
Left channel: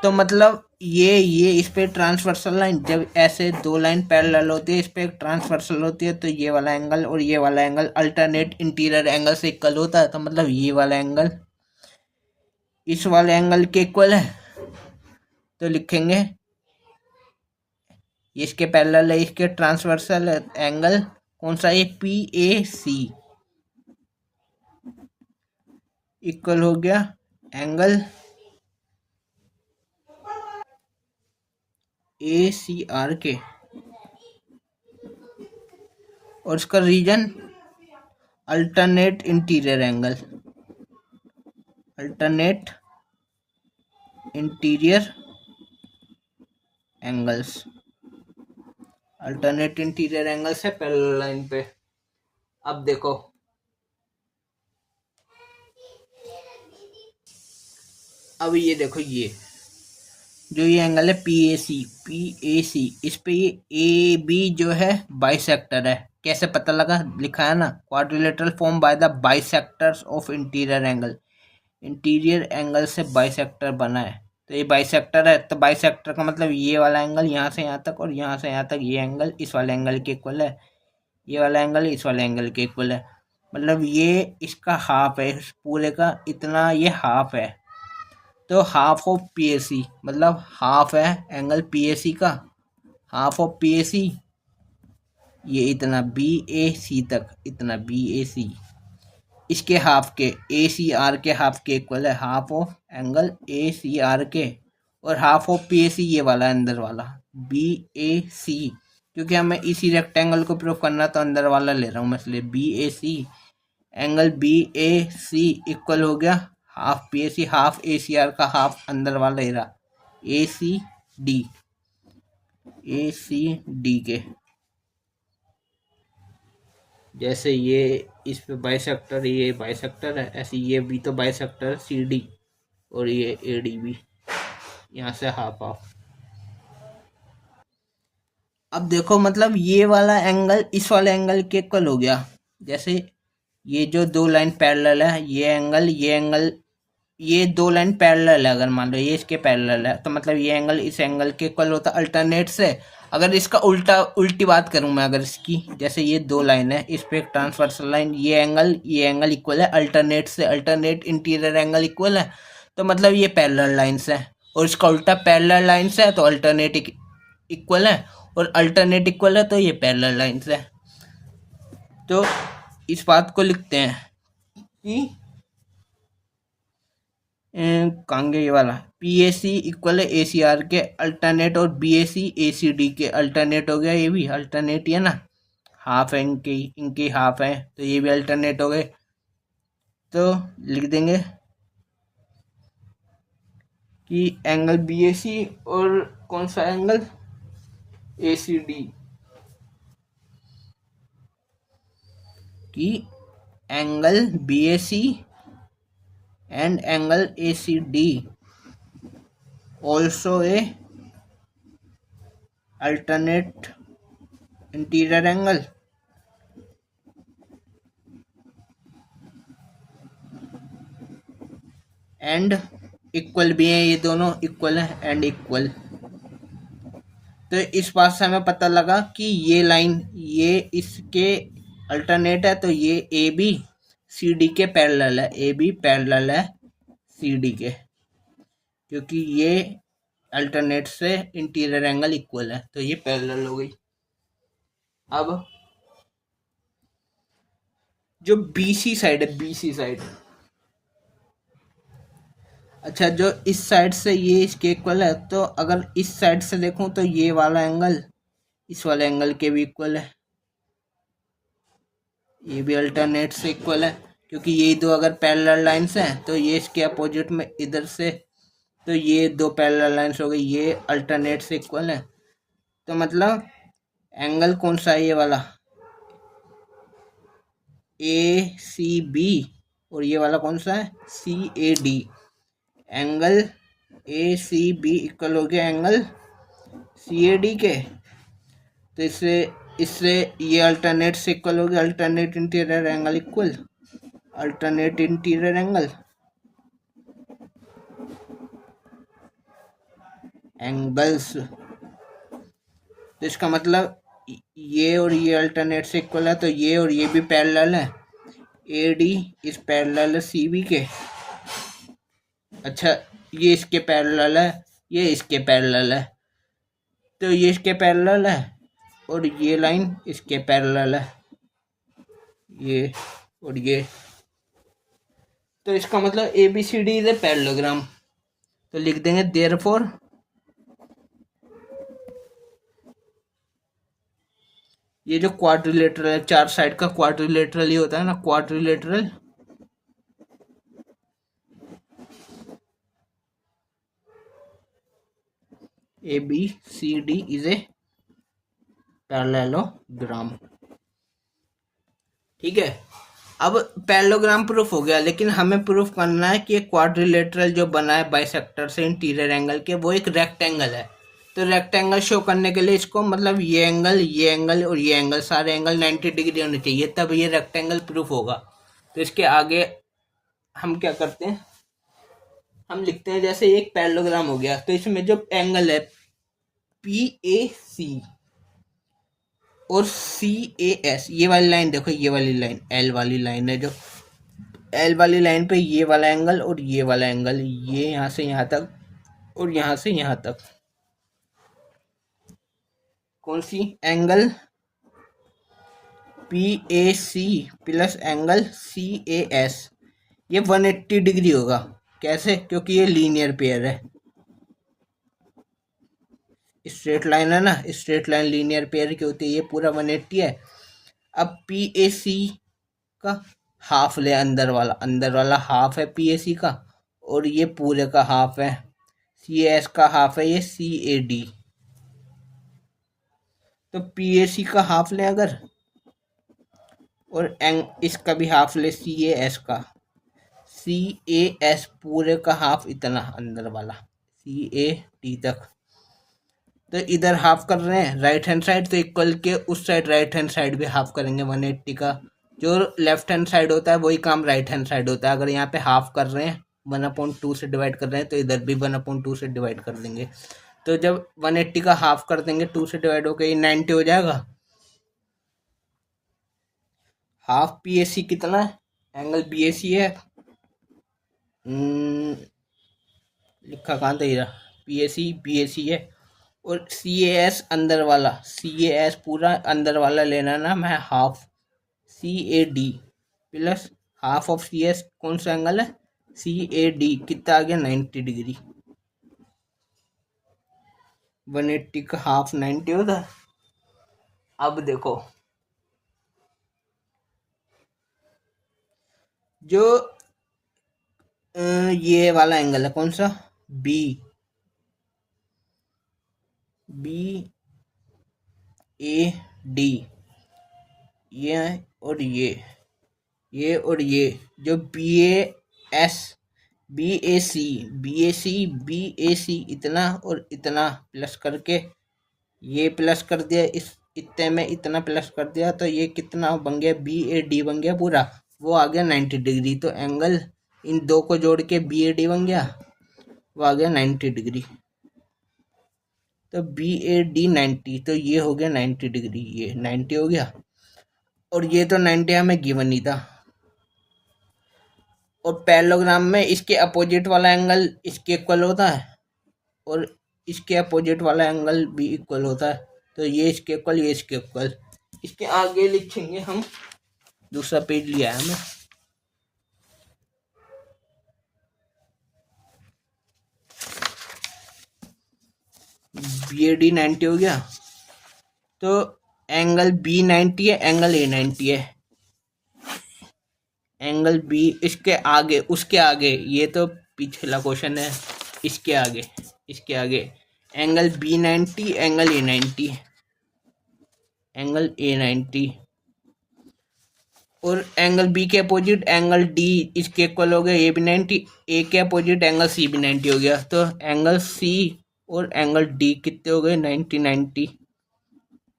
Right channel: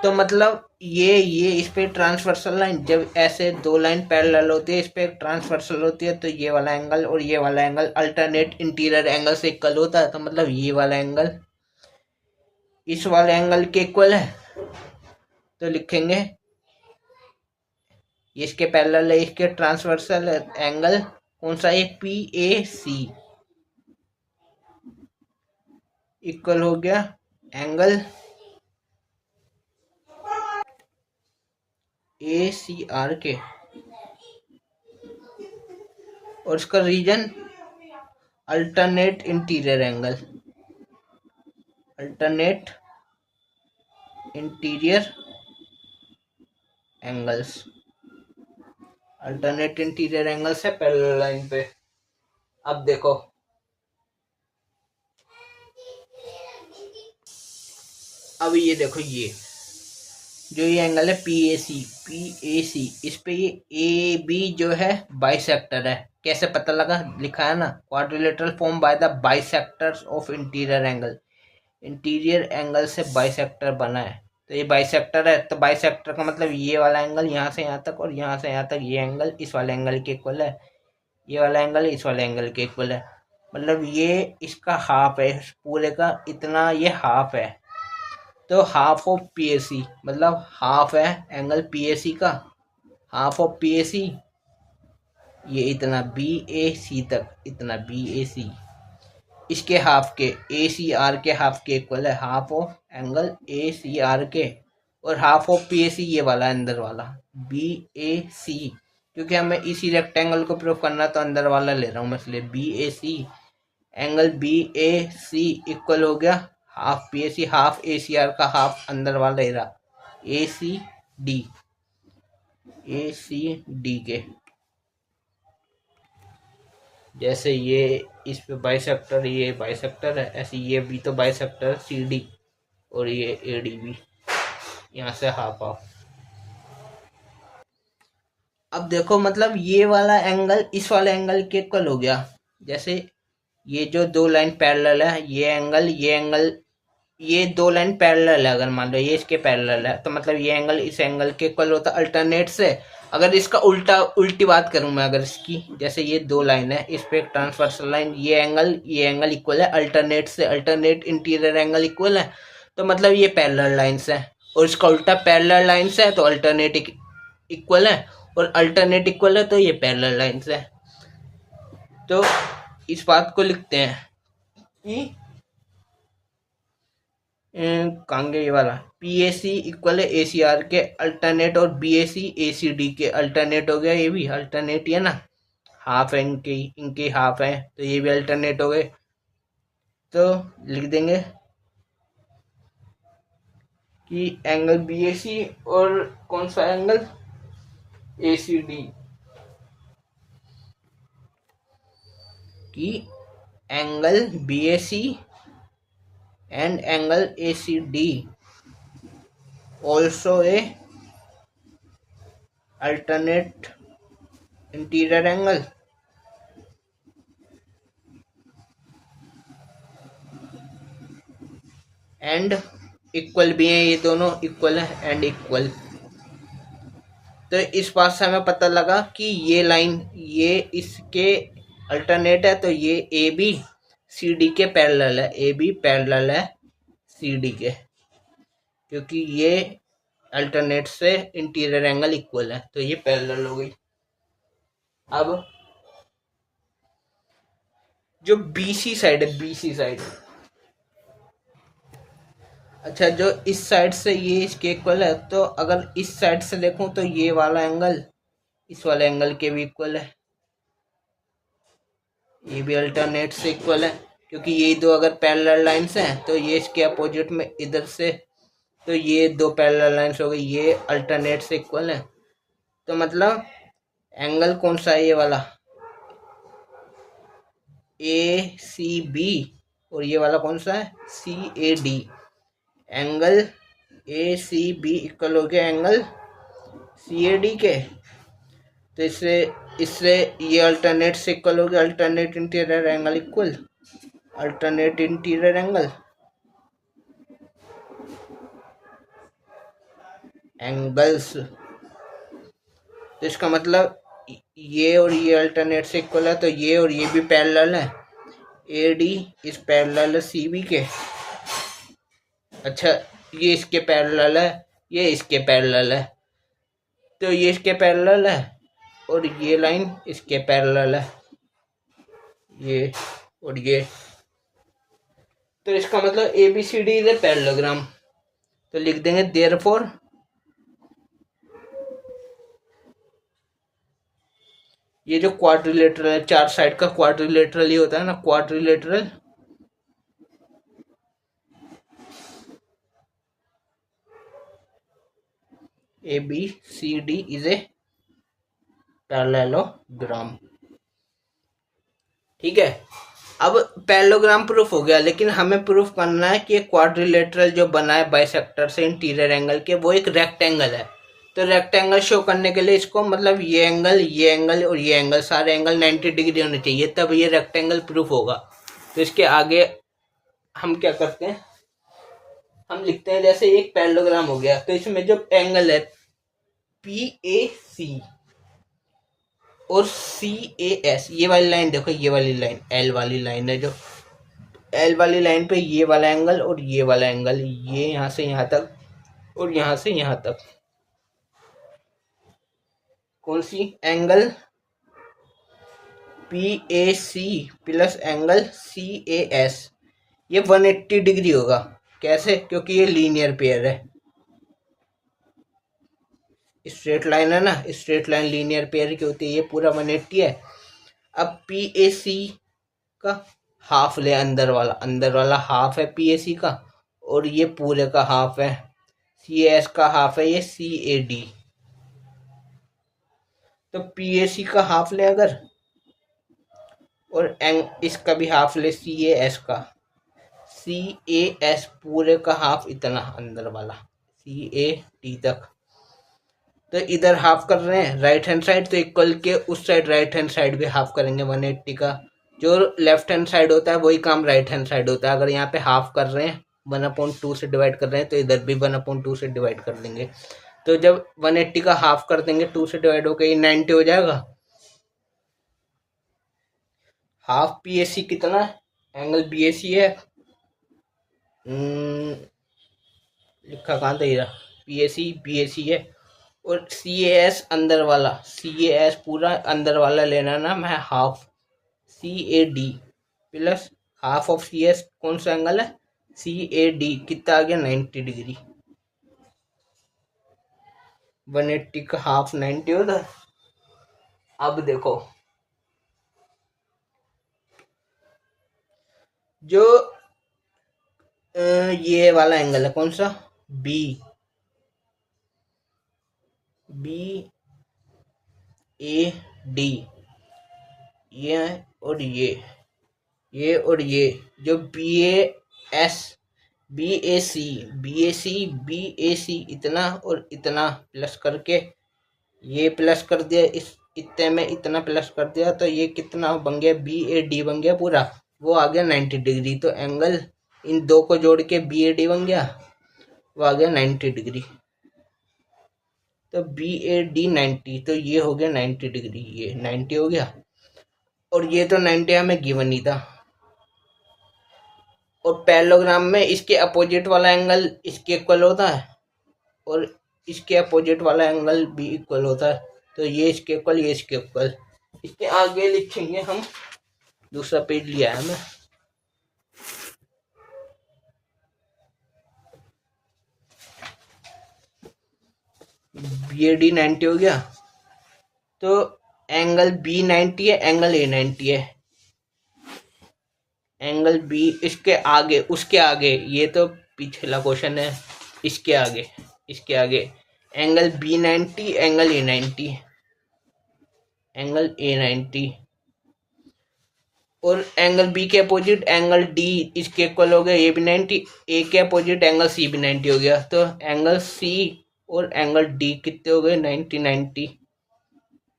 तो मतलब ये इस पे ट्रांसवर्सल लाइन, जब ऐसे दो लाइन पैरेलल होती है, इस पे ट्रांसवर्सल होती है, तो ये वाला एंगल और ये वाला एंगल अल्टरनेट इंटीरियर एंगल से इक्वल होता है। तो मतलब ये वाला एंगल इस वाले एंगल के इक्वल है। तो लिखेंगे इसके पैरेलल है, इसके ट्रांसवर्सल एंगल कौन सा है? PAC इक्वल हो गया एंगल ACR के, और इसका reason alternate interior angle, alternate interior angles, alternate interior angles है पैरेलल लाइन पे। अब देखो अब ये देखो, ये जो ये एंगल है PAC, इस पे ये AB जो है बाइसेक्टर है। कैसे पता लगा? लिखा है ना, quadrilateral form by the bisectors of interior angle, interior angle से बाइसेक्टर बना है। तो ये बाइसेक्टर है, तो बाइसेक्टर का मतलब ये वाला एंगल यहाँ से यहाँ तक और यहाँ से यहाँ तक, ये एंगल इस वाले एंगल के इक्वल है, ये वाला एंगल इस वाले एंगल के इक्वल है। मतलब ये इसका हाफ है, इस पूरे का इतना ये हाफ है। तो हाफ ऑफ PAC मतलब हाफ है एंगल PAC का, हाफ ऑफ PAC ये इतना BAC तक, इतना BAC इसके हाफ के, ACR के हाफ के इक्वल है, हाफ ऑफ एंगल ACR के, और हाफ ऑफ PAC ये वाला अंदर वाला BAC, क्योंकि हमें इसी रेक्टेंगल को प्रूव करना, तो अंदर वाला ले रहा हूँ मैं, इसलिए BAC एंगल BAC इक्वल हो गया हाफ PAC, हाफ ACR का हाफ अंदर वाला ले रहा ACD के। जैसे ये इस पे बाइसेक्टर, ये बाइसेक्टर है, ऐसे ये भी तो बाइसेक्टर CD, और ये AD भी, यहाँ से हाफ हाफ। अब देखो मतलब ये वाला एंगल इस वाले एंगल के इक्वल हो गया। जैसे ये जो दो लाइन पैरेलल है, ये एंगल, ये दो लाइन पैरेलल है, अगर मान लो ये इसके पैरेलल है तो मतलब ये एंगल इस एंगल के इक्वल होता है अल्टरनेट से। अगर इसका उल्टी बात करूं मैं, अगर इसकी, जैसे ये दो लाइन है, इस पे एक ट्रांसवर्सल लाइन, ये एंगल इक्वल है अल्टरनेट से, अल्टरनेट इंटीरियर एंगल इक्वल है, तो मतलब ये पैरेलल लाइंस है। और इसका उल्टा पैरेलल लाइंस है तो अल्टरनेट इक्वल है, और अल्टरनेट इक्वल है तो ये पैरेलल लाइंस है। तो इस बात को लिखते हैं कि कहाँ गया ये वाला, पी ए सी इक्वल है ए सी आर के अल्टरनेट, और B A C A C D के अल्टरनेट हो गया। ये भी अल्टरनेट ही है ना, हाफ है इनके हाफ है, तो ये भी अल्टरनेट हो गए। तो लिख देंगे कि एंगल बी ए सी और कौन सा एंगल ए सी डी, कि angle B A C and angle A C D also a alternate interior angle, and इक्वल भी है, ये दोनों इक्वल है एंड इक्वल। तो इस बात से हमें पता लगा कि ये लाइन ये इसके अल्टरनेट है, तो ये ए बी सी डी के पैरेलल है, ए बी पैरेलल है सी डी के, क्योंकि ये अल्टरनेट से इंटीरियर एंगल इक्वल है, तो ये पैरेलल हो गई। अब जो बीसी साइड है, बीसी साइड, अच्छा जो इस साइड से ये इसके इक्वल है, तो अगर इस साइड से देखूं तो ये वाला एंगल इस वाले एंगल के भी इक्वल है, ये भी अल्टरनेट से इक्वल है, क्योंकि ये दो अगर पैरेलल लाइंस हैं तो ये इसके अपोजिट में इधर से, तो ये दो पैरेलल लाइंस हो गई, ये अल्टरनेट से इक्वल है। तो मतलब एंगल कौन सा है, ये वाला ए सी बी, और ये वाला कौन सा है C A D, angle A C B equal हो गया एंगल सी ए डी के। तो इससे इससे ये अल्टरनेट से इक्वल हो गया, alternate interior angle equal alternate interior angle angles. तो इसका मतलब ये और ये अल्टरनेट से इक्वल है, तो ये और ये भी पैरेलल है, ए डी इस पैरेलल है सी बी के। अच्छा ये इसके पैरेलल है, ये इसके पैरेलल है, तो ये इसके पैरेलल है और ये लाइन इसके पैरेलल है, ये और ये। तो इसका मतलब A B C D is a parallelogram. तो लिख देंगे देयरफॉर ये जो क्वाड्रिलेटरल है, चार साइड का क्वाड्रिलेटरल ही होता है ना, quadrilateral A B C D is a parallelogram. ठीक है, अब पैरेललोग्राम प्रूफ हो गया, लेकिन हमें प्रूफ करना है कि क्वाड्रिलेटरल जो बना है बाइसेक्टर से इंटीरियर एंगल के, वो एक रेक्टेंगल है। तो रेक्टेंगल शो करने के लिए इसको मतलब ये एंगल और ये एंगल, सारे एंगल 90 डिग्री होने चाहिए, तब ये रेक्टेंगल प्रूफ होगा। तो इसके आगे हम क्या करते हैं, हम लिखते हैं जैसे एक पैरेललोग्राम हो गया, तो इसमें जो एंगल है पी ए सी और सी ए एस, ये वाली लाइन देखो, ये वाली लाइन एल वाली लाइन है, जो एल वाली लाइन पे ये वाला एंगल और ये वाला एंगल, ये यहाँ से यहाँ तक और यहाँ से यहाँ तक, कौन सी angle P A C plus angle C A S, ये 180 डिग्री होगा। कैसे, क्योंकि ये लीनियर पेयर है, स्ट्रेट लाइन है ना, स्ट्रेट लाइन लीनियर पेयर की होती है, ये पूरा 180 है। अब पी ए सी का हाफ ले, अंदर वाला हाफ है पी ए सी का, और ये पूरे का हाफ है सी एस का हाफ है, ये सी ए डी। तो पी ए सी का हाफ ले अगर, और इसका भी हाफ ले सी ए एस का, सी ए एस पूरे का हाफ इतना अंदर वाला सी ए डी तक। तो इधर हाफ कर रहे हैं राइट हैंड साइड, तो इक्वल के उस साइड राइट हैंड साइड भी हाफ करेंगे 180 का, जो लेफ्ट हैंड साइड होता है वही काम राइट हैंड साइड होता है। अगर यहाँ पे हाफ कर रहे हैं, 1/2 से डिवाइड कर रहे हैं, तो इधर भी 1/2 से डिवाइड कर देंगे। तो जब 180 का हाफ कर देंगे, 2 से डिवाइड होकर ये 90 हो जाएगा। हाफ PAC कितना है? एंगल BAC है। लिखा कहाँ था ये? PAC BAC है। और CAS अंदर वाला, CAS पूरा अंदर वाला लेना ना, मैं half CAD plus half of CS कौन सा एंगल है? CAD कितना आ गया? 90 डिग्री। 180 का हाफ 90 होता है। अब देखो, जो ये वाला एंगल है कौन सा? बी ए डी, ये और ये और ये जो बी ए सी इतना और इतना प्लस करके, ये प्लस कर दिया, इस इतने में इतना प्लस कर दिया, तो ये कितना बन गया? BAD बन गया पूरा। वो आ गया 90 डिग्री। तो एंगल इन दो को जोड़ के BAD बन गया, वो आ गया 90 डिग्री। तो BAD 90, तो ये हो गया 90 डिग्री, ये 90 हो गया। और ये तो 90 हमें गिवन नहीं था। और पैरेललोग्राम में इसके अपोजिट वाला एंगल इसके इक्वल होता है, और इसके अपोजिट वाला एंगल भी इक्वल होता है। तो ये इसके इक्वल, ये इसके इक्वल। इसके आगे लिखेंगे हम, दूसरा पेज लिया है हमें। BAD 90 हो गया, तो एंगल B 90 है, एंगल A 90 है। एंगल B इसके आगे, उसके आगे, ये तो पिछला क्वेश्चन है, इसके आगे angle B 90, angle A 90, angle A 90। और एंगल B के अपोजिट एंगल D इसके इक्वल हो गया, ये भी 90। A के अपोजिट एंगल C भी 90 हो गया। तो एंगल C और एंगल D कितने हो गए? 90 90।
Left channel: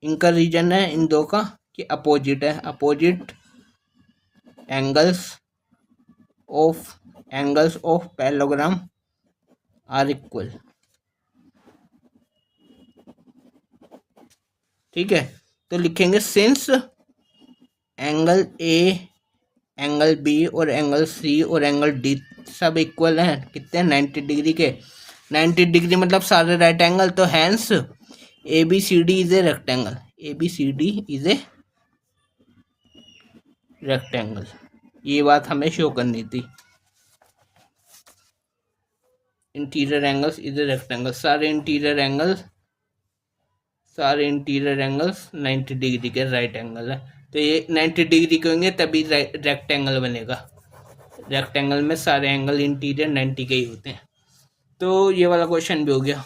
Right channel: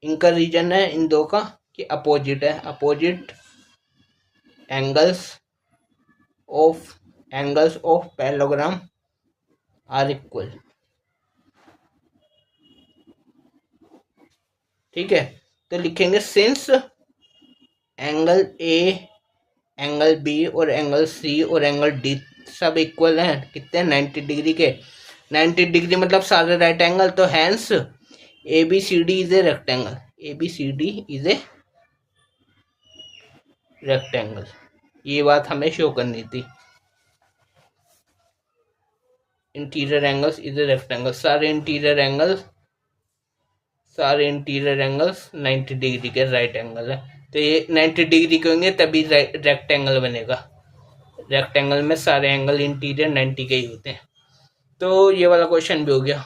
इनका रीजन है इन दो का कि अपोजिट है। Opposite angles of parallelogram are equal. ठीक है, तो लिखेंगे since angle A, angle B और एंगल सी और एंगल डी सब इक्वल हैं, कितने? 90 डिग्री के। 90 डिग्री मतलब सारे राइट एंगल। तो hence ABCD is a rectangle. ABCD is a rectangle. ये बात हमें शो करनी थी। Interior angles is a rectangle. सारे इंटीरियर एंगल्स 90 डिग्री के राइट एंगल है। तो ये 90 डिग्री के होंगे तभी रेक्टेंगल बनेगा। रेक्टेंगल में सारे एंगल इंटीरियर 90 के ही होते हैं। तो ये वाला क्वेश्चन भी हो गया।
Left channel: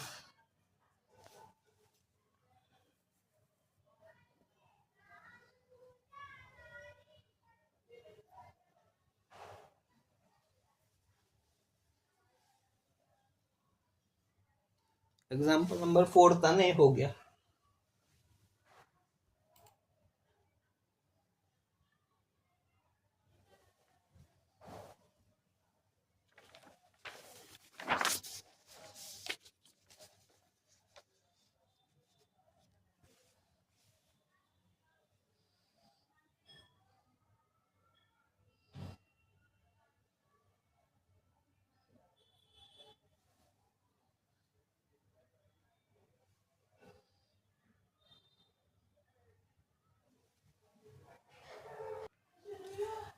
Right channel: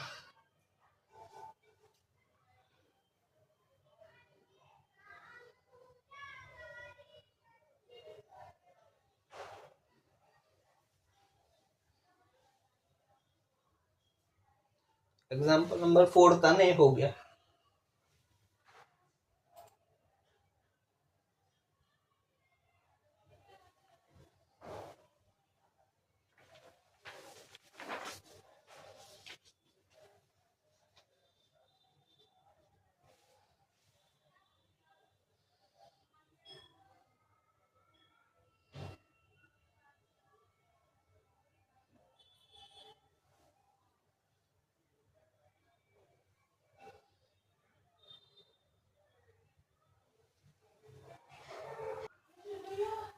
एग्जाम्पल नंबर 4 था नहीं, हो गया।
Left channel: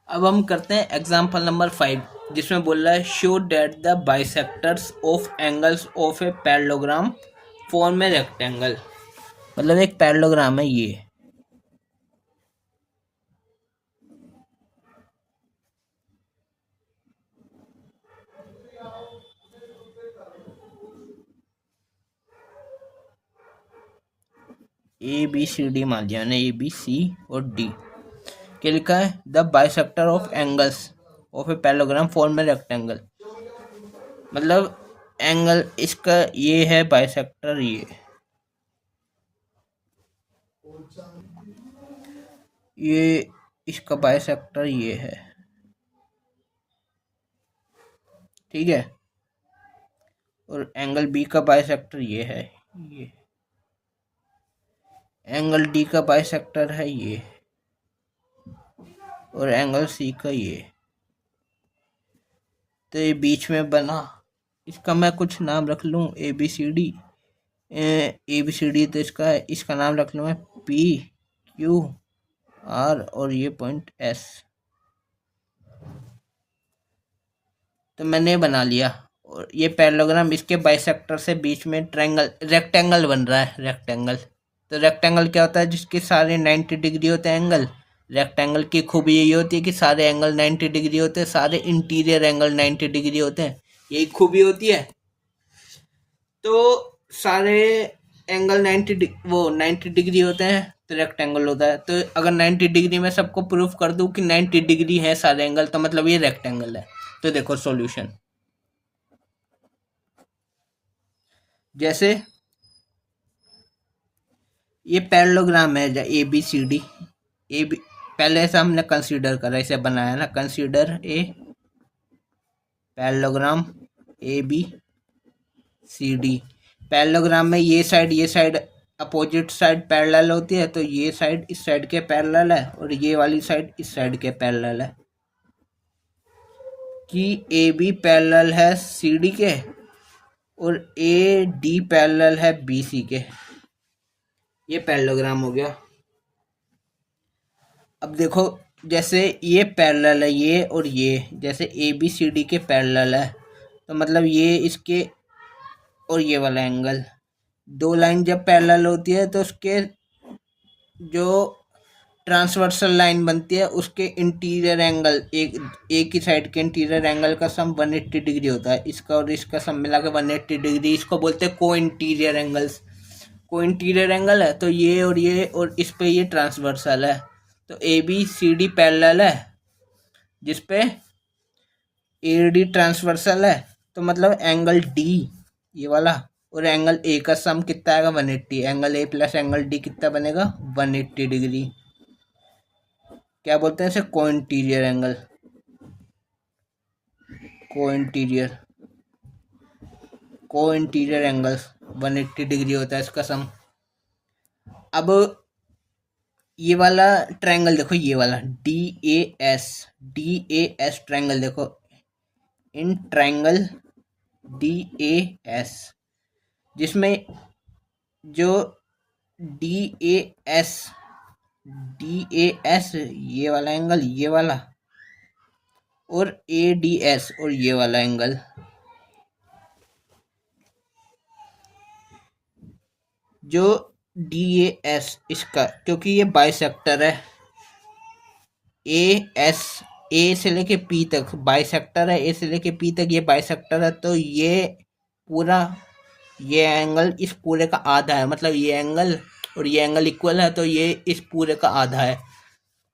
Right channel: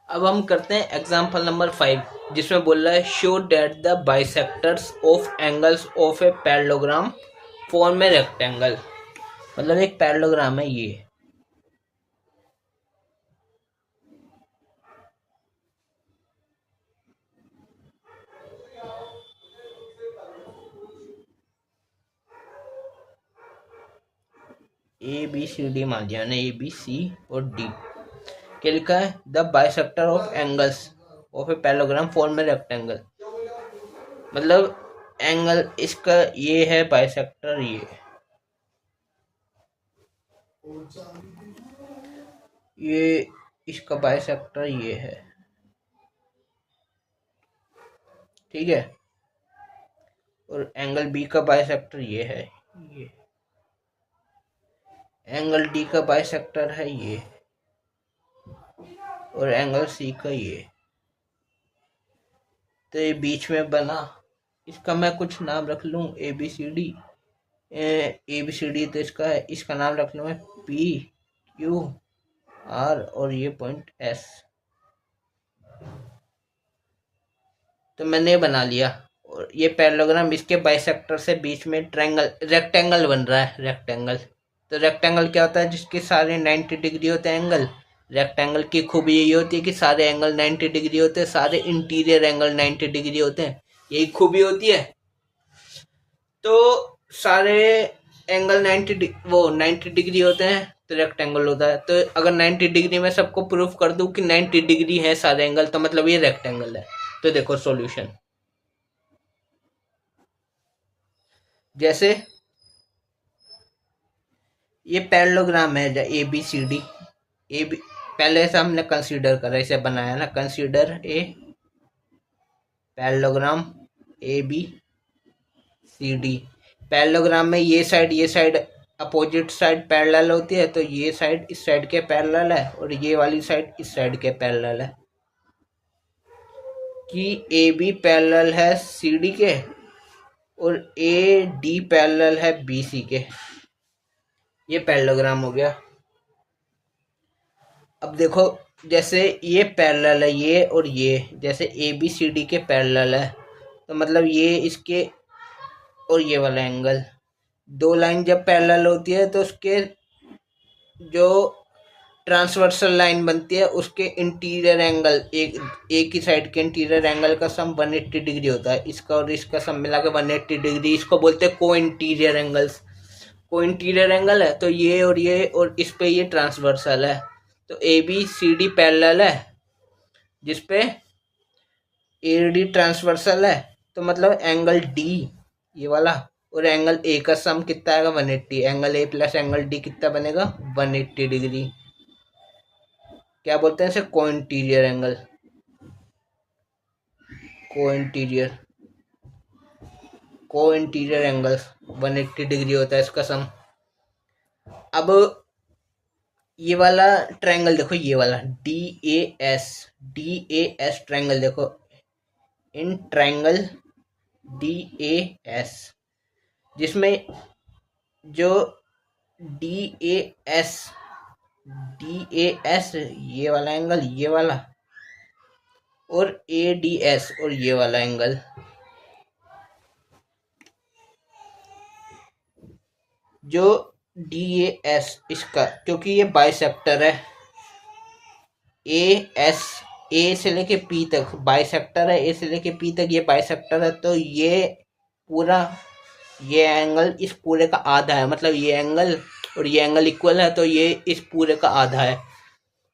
अब हम करते हैं एग्जाम्पल नंबर 5, जिसमें बोल रहा है show that the bisectors of angles of a parallelogram form a rectangle. मतलब एक पैरेललोग्राम है ये, ABCD मान लिया ना, ABC और D। क्या लिखा है? The bisector of angles of a parallelogram form a rectangle. मतलब एंगल इसका ये है बाइसेक्टर, ये इसका बाइसेक्टर ये है, ठीक है, और एंगल बी का बाइसेक्टर ये है, ये एंगल डी का बाइसेक्टर है ये, और एंगल सी का ये। तो ये बीच में बना, इसका मैं कुछ नाम रख लूँ ए बी सी डी। तो इसका नाम रख लूँ मैं पी क्यू आर, और ये पॉइंट एस। तो मैंने बना लिया, और ये पैरेललोग्राम, इसके बाइसेक्टर से बीच में ट्रायंगल रेक्टेंगल बन रहा है, रेक्टेंगल। तो रेक्टेंगल क्या होता है? जिसके सारे 90 डिग्री होते हैं एंगल। रेक्टेंगल की खूबी यही होती है कि सारे एंगल 90 डिग्री होते हैं, सारे इंटीरियर एंगल 90 डिग्री होते हैं, यही खूबी होती है। तो सारे एंगल 90 डिग्री होते हैं तो रेक्टेंगल होता है। तो अगर 90 डिग्री में सबको प्रूफ कर दूं कि 90 डिग्री है सारे एंगल, तो मतलब ये रेक्टेंगल है। तो देखो सॉल्यूशन, जैसे ये पैरेललोग्राम है A B C D. A B पहले से हमने कंसीडर करा, इसे बनाया ना, consider a parallelogram A B C D. Parallelogram में ये साइड अपोजिट साइड पैरेलल होती है, तो ये साइड इस साइड के पैरेलल है और ये वाली साइड इस साइड के पैरेलल है। कि ए बी पैरेलल है सी डी के और ए डी पैरेलल है बी सी के। ये पैरेललोग्राम हो गया। अब देखो, जैसे ये पैरेलल है ये और ये, जैसे ए बी सी डी के पैरेलल है, तो मतलब ये इसके और ये वाला एंगल, दो लाइन जब पैरेलल होती है तो उसके जो ट्रांसवर्सल लाइन बनती है उसके इंटीरियर एंगल, एक ही साइड के इंटीरियर एंगल का सम 180 डिग्री होता है। इसका और इसका सम मिला के 180 डिग्री, इसको बोलते हैं को इंटीरियर एंगल्स। को इंटीरियर एंगल है तो ये और इस पे ये ट्रांसवर्सल है। तो A B C D parallel है जिसपे ए डी ट्रांसवर्सल है, तो मतलब एंगल डी ये वाला और एंगल ए का सम कितना आएगा? 180। Angle A plus angle D कितना बनेगा? 180 डिग्री। क्या बोलते हैं इसे? को इंटीरियर एंगल। को इंटीरियर एंगल 180 डिग्री होता है इसका सम। अब ये वाला ट्रायंगल देखो, ये वाला डी ए एस ट्रायंगल देखो, in triangle D A S, जिसमें जो डी ए एस ये वाला एंगल, ये वाला, और ए डी एस और ये वाला एंगल, जो डी ए एस इसका, क्योंकि ये बाइसेक्टर है, ए से लेके पी तक बाइसेक्टर है, ए से लेके पी तक ये बाइसेक्टर है, तो ये पूरा ये एंगल इस पूरे का आधा है, मतलब ये एंगल और ये एंगल इक्वल है, तो ये इस पूरे का आधा है।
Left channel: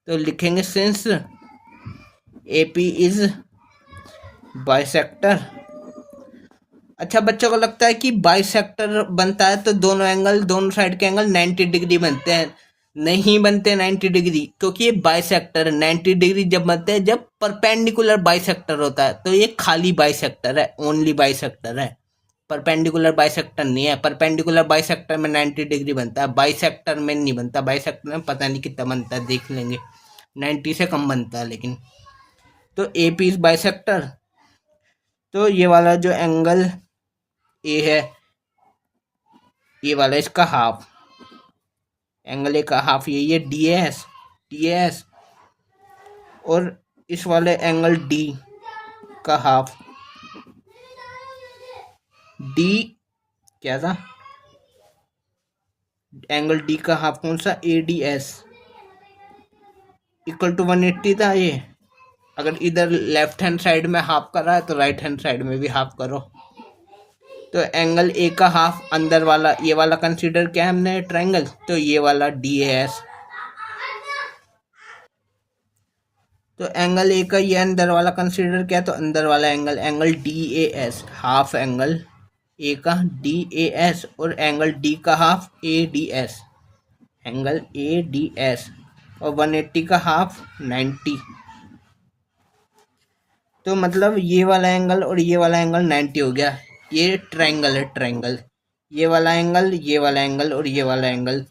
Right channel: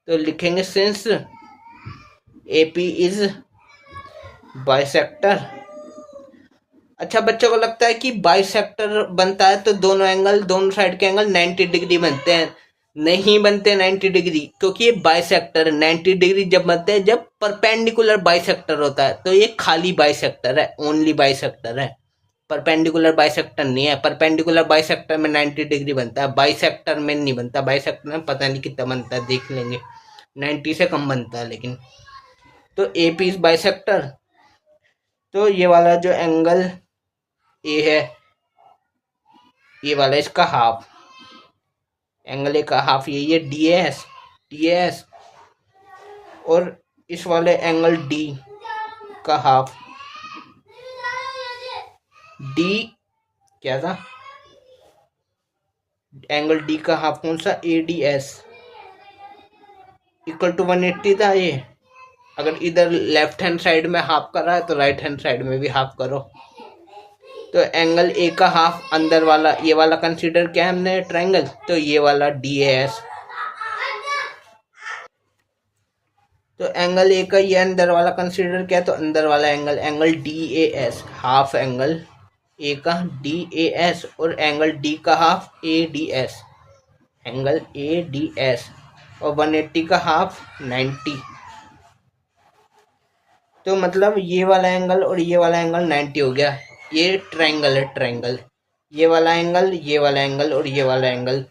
तो लिखेंगे since A P is bisector. अच्छा, बच्चों को लगता है कि बाइसेक्टर बनता है तो दोनों साइड के एंगल 90 डिग्री बनते हैं। नहीं बनते 90 डिग्री, क्योंकि ये बाइसेक्टर 90 डिग्री जब बनते हैं जब परपेंडिकुलर बाइसेक्टर होता है, तो ये खाली बाइसेक्टर है, ओनली बाइसेक्टर है, परपेंडिकुलर बाइसेक्टर नहीं है। परपेंडिकुलर बाइसेक्टर में 90 डिग्री बनता है, बाइसेक्टर में नहीं बनता। बाइसेक्टर में पता नहीं कितना बनता है, देख लेंगे, 90 से कम बनता है लेकिन। तो ए पी इज बाइसेक्टर, तो ये वाला जो एंगल ए है, ये वाला इसका हाफ, एंगल ए का हाफ ये डी एस, और इस वाले एंगल डी का हाफ, डी क्या था? एंगल डी का हाफ कौन सा? A D S equal to 180 था ये। अगर इधर लेफ्ट हैंड साइड में हाफ कर रहा है तो राइट हैंड साइड में भी हाफ करो। तो एंगल ए का हाफ अंदर वाला, ये वाला कंसीडर किया हमने ट्रायंगल, तो ये वाला डी एस। तो एंगल ए का ये अंदर वाला कंसीडर किया, तो अंदर वाला angle D A S, half angle A का डी ए एस और एंगल डी का half A D S, angle A D S. और 180 का हाफ 90। तो मतलब ये वाला एंगल और ये वाला एंगल 90 हो गया। ये ट्रायंगल है, ट्रायंगल। ये वाला एंगल, ये वाला एंगल और ये वाला एंगल,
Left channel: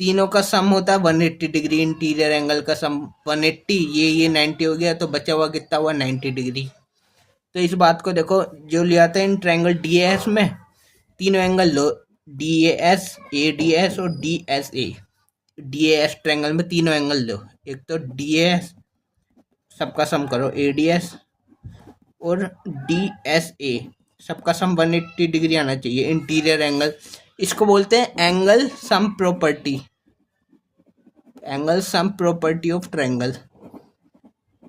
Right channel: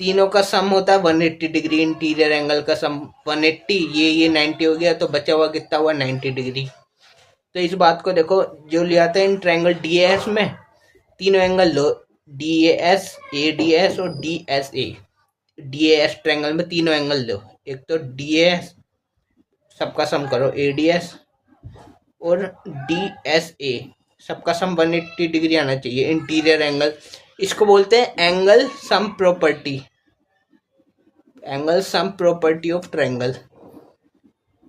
तीनों का सम होता है 180 डिग्री। इंटीरियर एंगल का सम 180, ये 90 हो गया, तो बचा हुआ कितना हुआ 90 डिग्री। तो इस बात को देखो, जो लिया था इन ट्रायंगल DAS में, तीनों एंगल लो, DAS, ADS और DSA। DAS ट्रायंगल में तीनों एंगल लो, एक तो DAS, सबका सम करो, ADS और DSA, सबका सम 180 डिग्री आना चाहिए। इंटीरियर एंगल, इसको बोलते हैं angle sum property, angle sum property of triangle.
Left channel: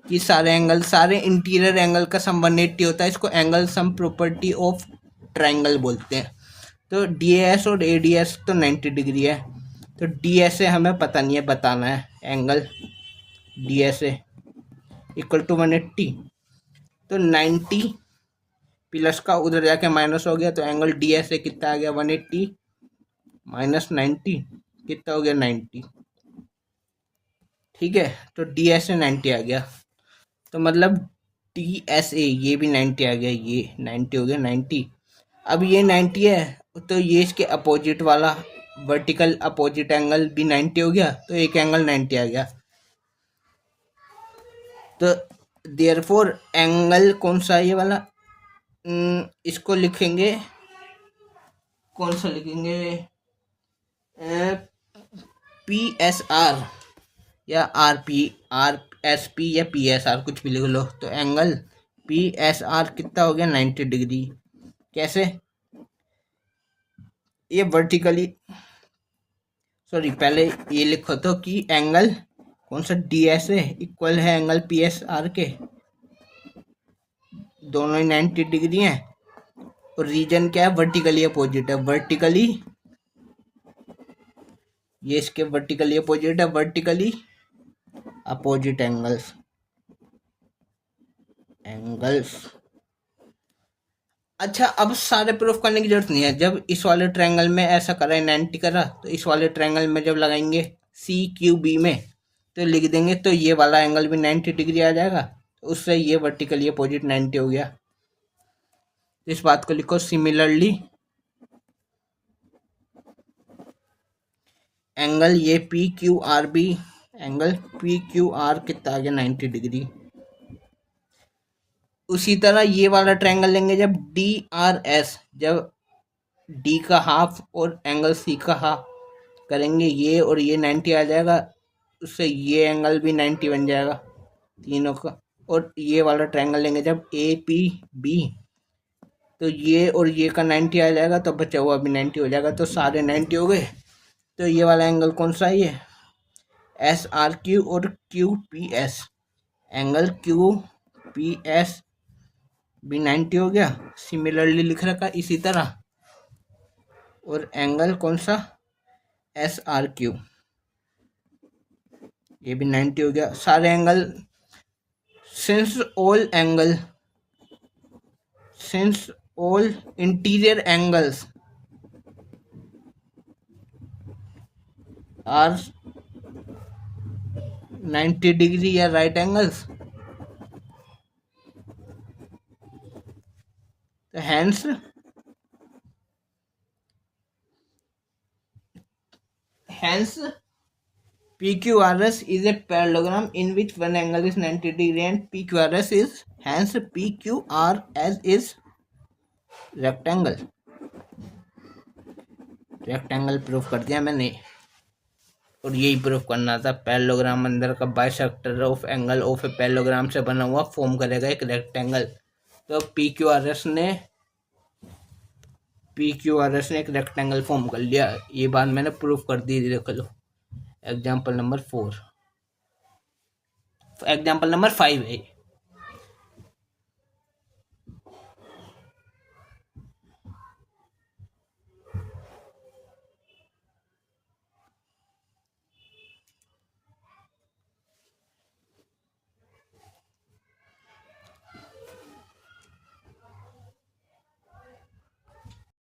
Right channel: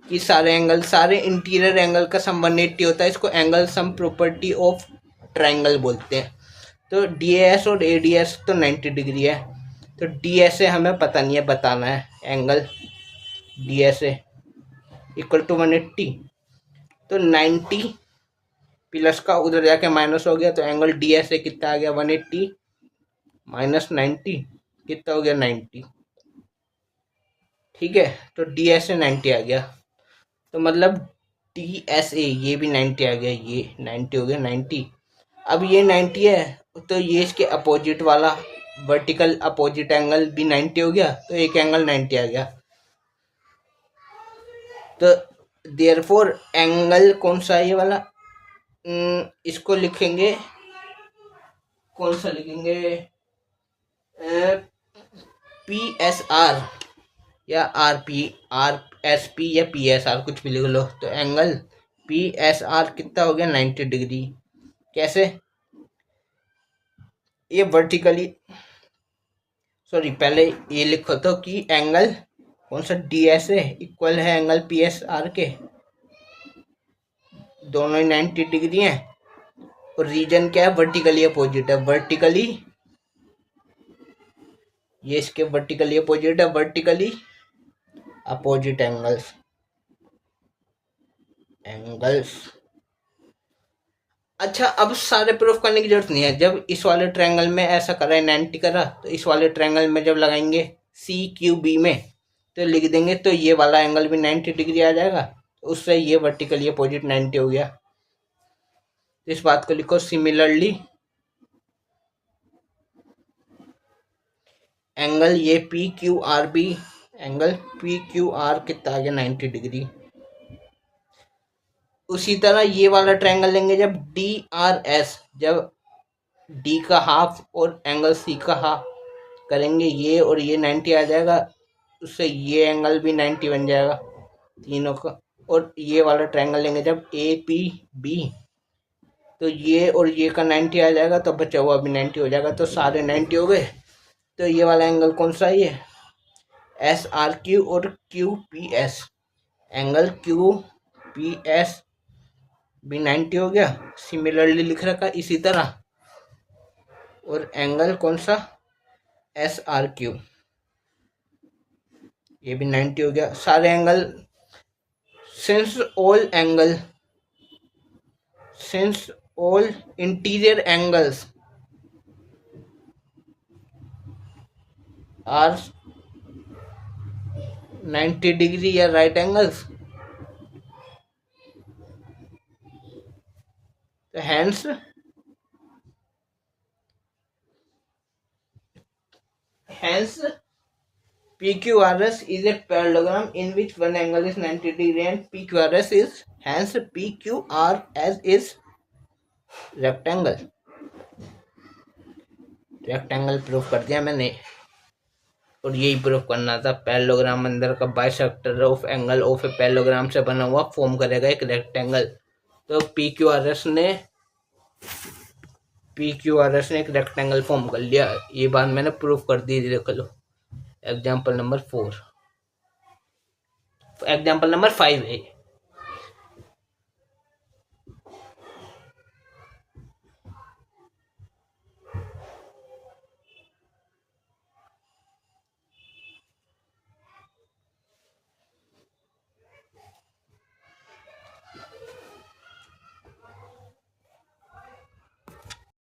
कि सारे एंगल, सारे इंटीरियर एंगल का सम 180 होता है, इसको angle sum property of triangle बोलते हैं। तो DAS और ADS तो 90 डिग्री है, तो DSA हमें पता नहीं है, बताना है। एंगल DSA इक्वल टू 180, तो 90 प्लस का उधर जाके माइनस हो गया, तो एंगल DSA कितना आ गया 180 माइनस 90, कितना हो गया 90। ठीक है, तो DSA 90 आ गया, तो मतलब DSA ये भी 90 आ गया, ये 90 हो गया 90। अब ये 90 है, तो ये इसके अपोजिट वाला वर्टिकल अपोजिट एंगल भी 90 हो गया, तो एक एंगल 90 आ गया। तो देयरफॉर एंगल कौन सा है ये वाला, इसको लिखेंगे, कौन सा लिखेंगे, PSR या RSP या PSR, कुछ भी लिख लो। तो एंगल PSR कितना हो गया 90 डिग्री। कैसे, ये वर्टिकली, सॉरी पहले ये लिखो तो कि एंगल कौन सा DSA इक्वल है एंगल PSR के, दोनों ही 90 डिग्री हैं, और रीजन क्या है, वर्टिकली अपोजिट है। वर्टिकली, ये इसके वर्टिकली अपोजिट है, वर्टिकली अपोजिट एंगल्स, एंगल्स। अच्छा, अब सारे प्रूफ करने की जरूरत नहीं है। जब इस वाले ट्रायंगल में ऐसा करा है 90 करा, तो इस वाले ट्रायंगल में जब लगाएंगे CQB में, तो लिख देंगे, तो ये वाला एंगल भी 90 डिग्री आ जाएगा, तो उससे ये वर्टिकली अपोजिट 90 हो गया। इस बात को लिखो, सिमिलरली एंगल ये PQRB, एंगल PQR कितना आ गया 90 डिग्री। उसी तरह ये वाला ट्रायंगल लेंगे, जब DRS, जब D का हाफ और एंगल C का हाफ करेंगे, ये और ये 90 आ जाएगा, उससे ये एंगल भी 90 बन जाएगा तीनों का। और ये वाला ट्रायंगल लेंगे जब APB, तो ये और ये का 90 आ जाएगा, तो बचा हुआ भी 90 हो जाएगा, तो सारे 90 हो गए। तो ये वाला एंगल कौन सा है, ये SRQ और QPS, एंगल QPS भी 90 हो गया, सिमिलरली लिख रखा इसी तरह। और एंगल कौन सा, SRQ, ये भी 90 हो गया। सारे angle, since all interior angles are 90 degree या राइट एंगल्स, तो hence PQRS is a parallelogram in which one angle is 90 degree and PQRS is, hence PQRS is rectangle। Rectangle proof कर दिया मैंने, और यही प्रूफ करना था। पैरेललोग्राम अंदर का bisector of angle of a parallelogram से बना हुआ फॉर्म करेगा एक रेक्टेंगल। तो PQRS ने एक रेक्टेंगल फॉर्म कर लिया। ये बात मैंने प्रूफ कर दी, देख लो। एग्जाम्पल नंबर 4, एग्जाम्पल नंबर 5 है।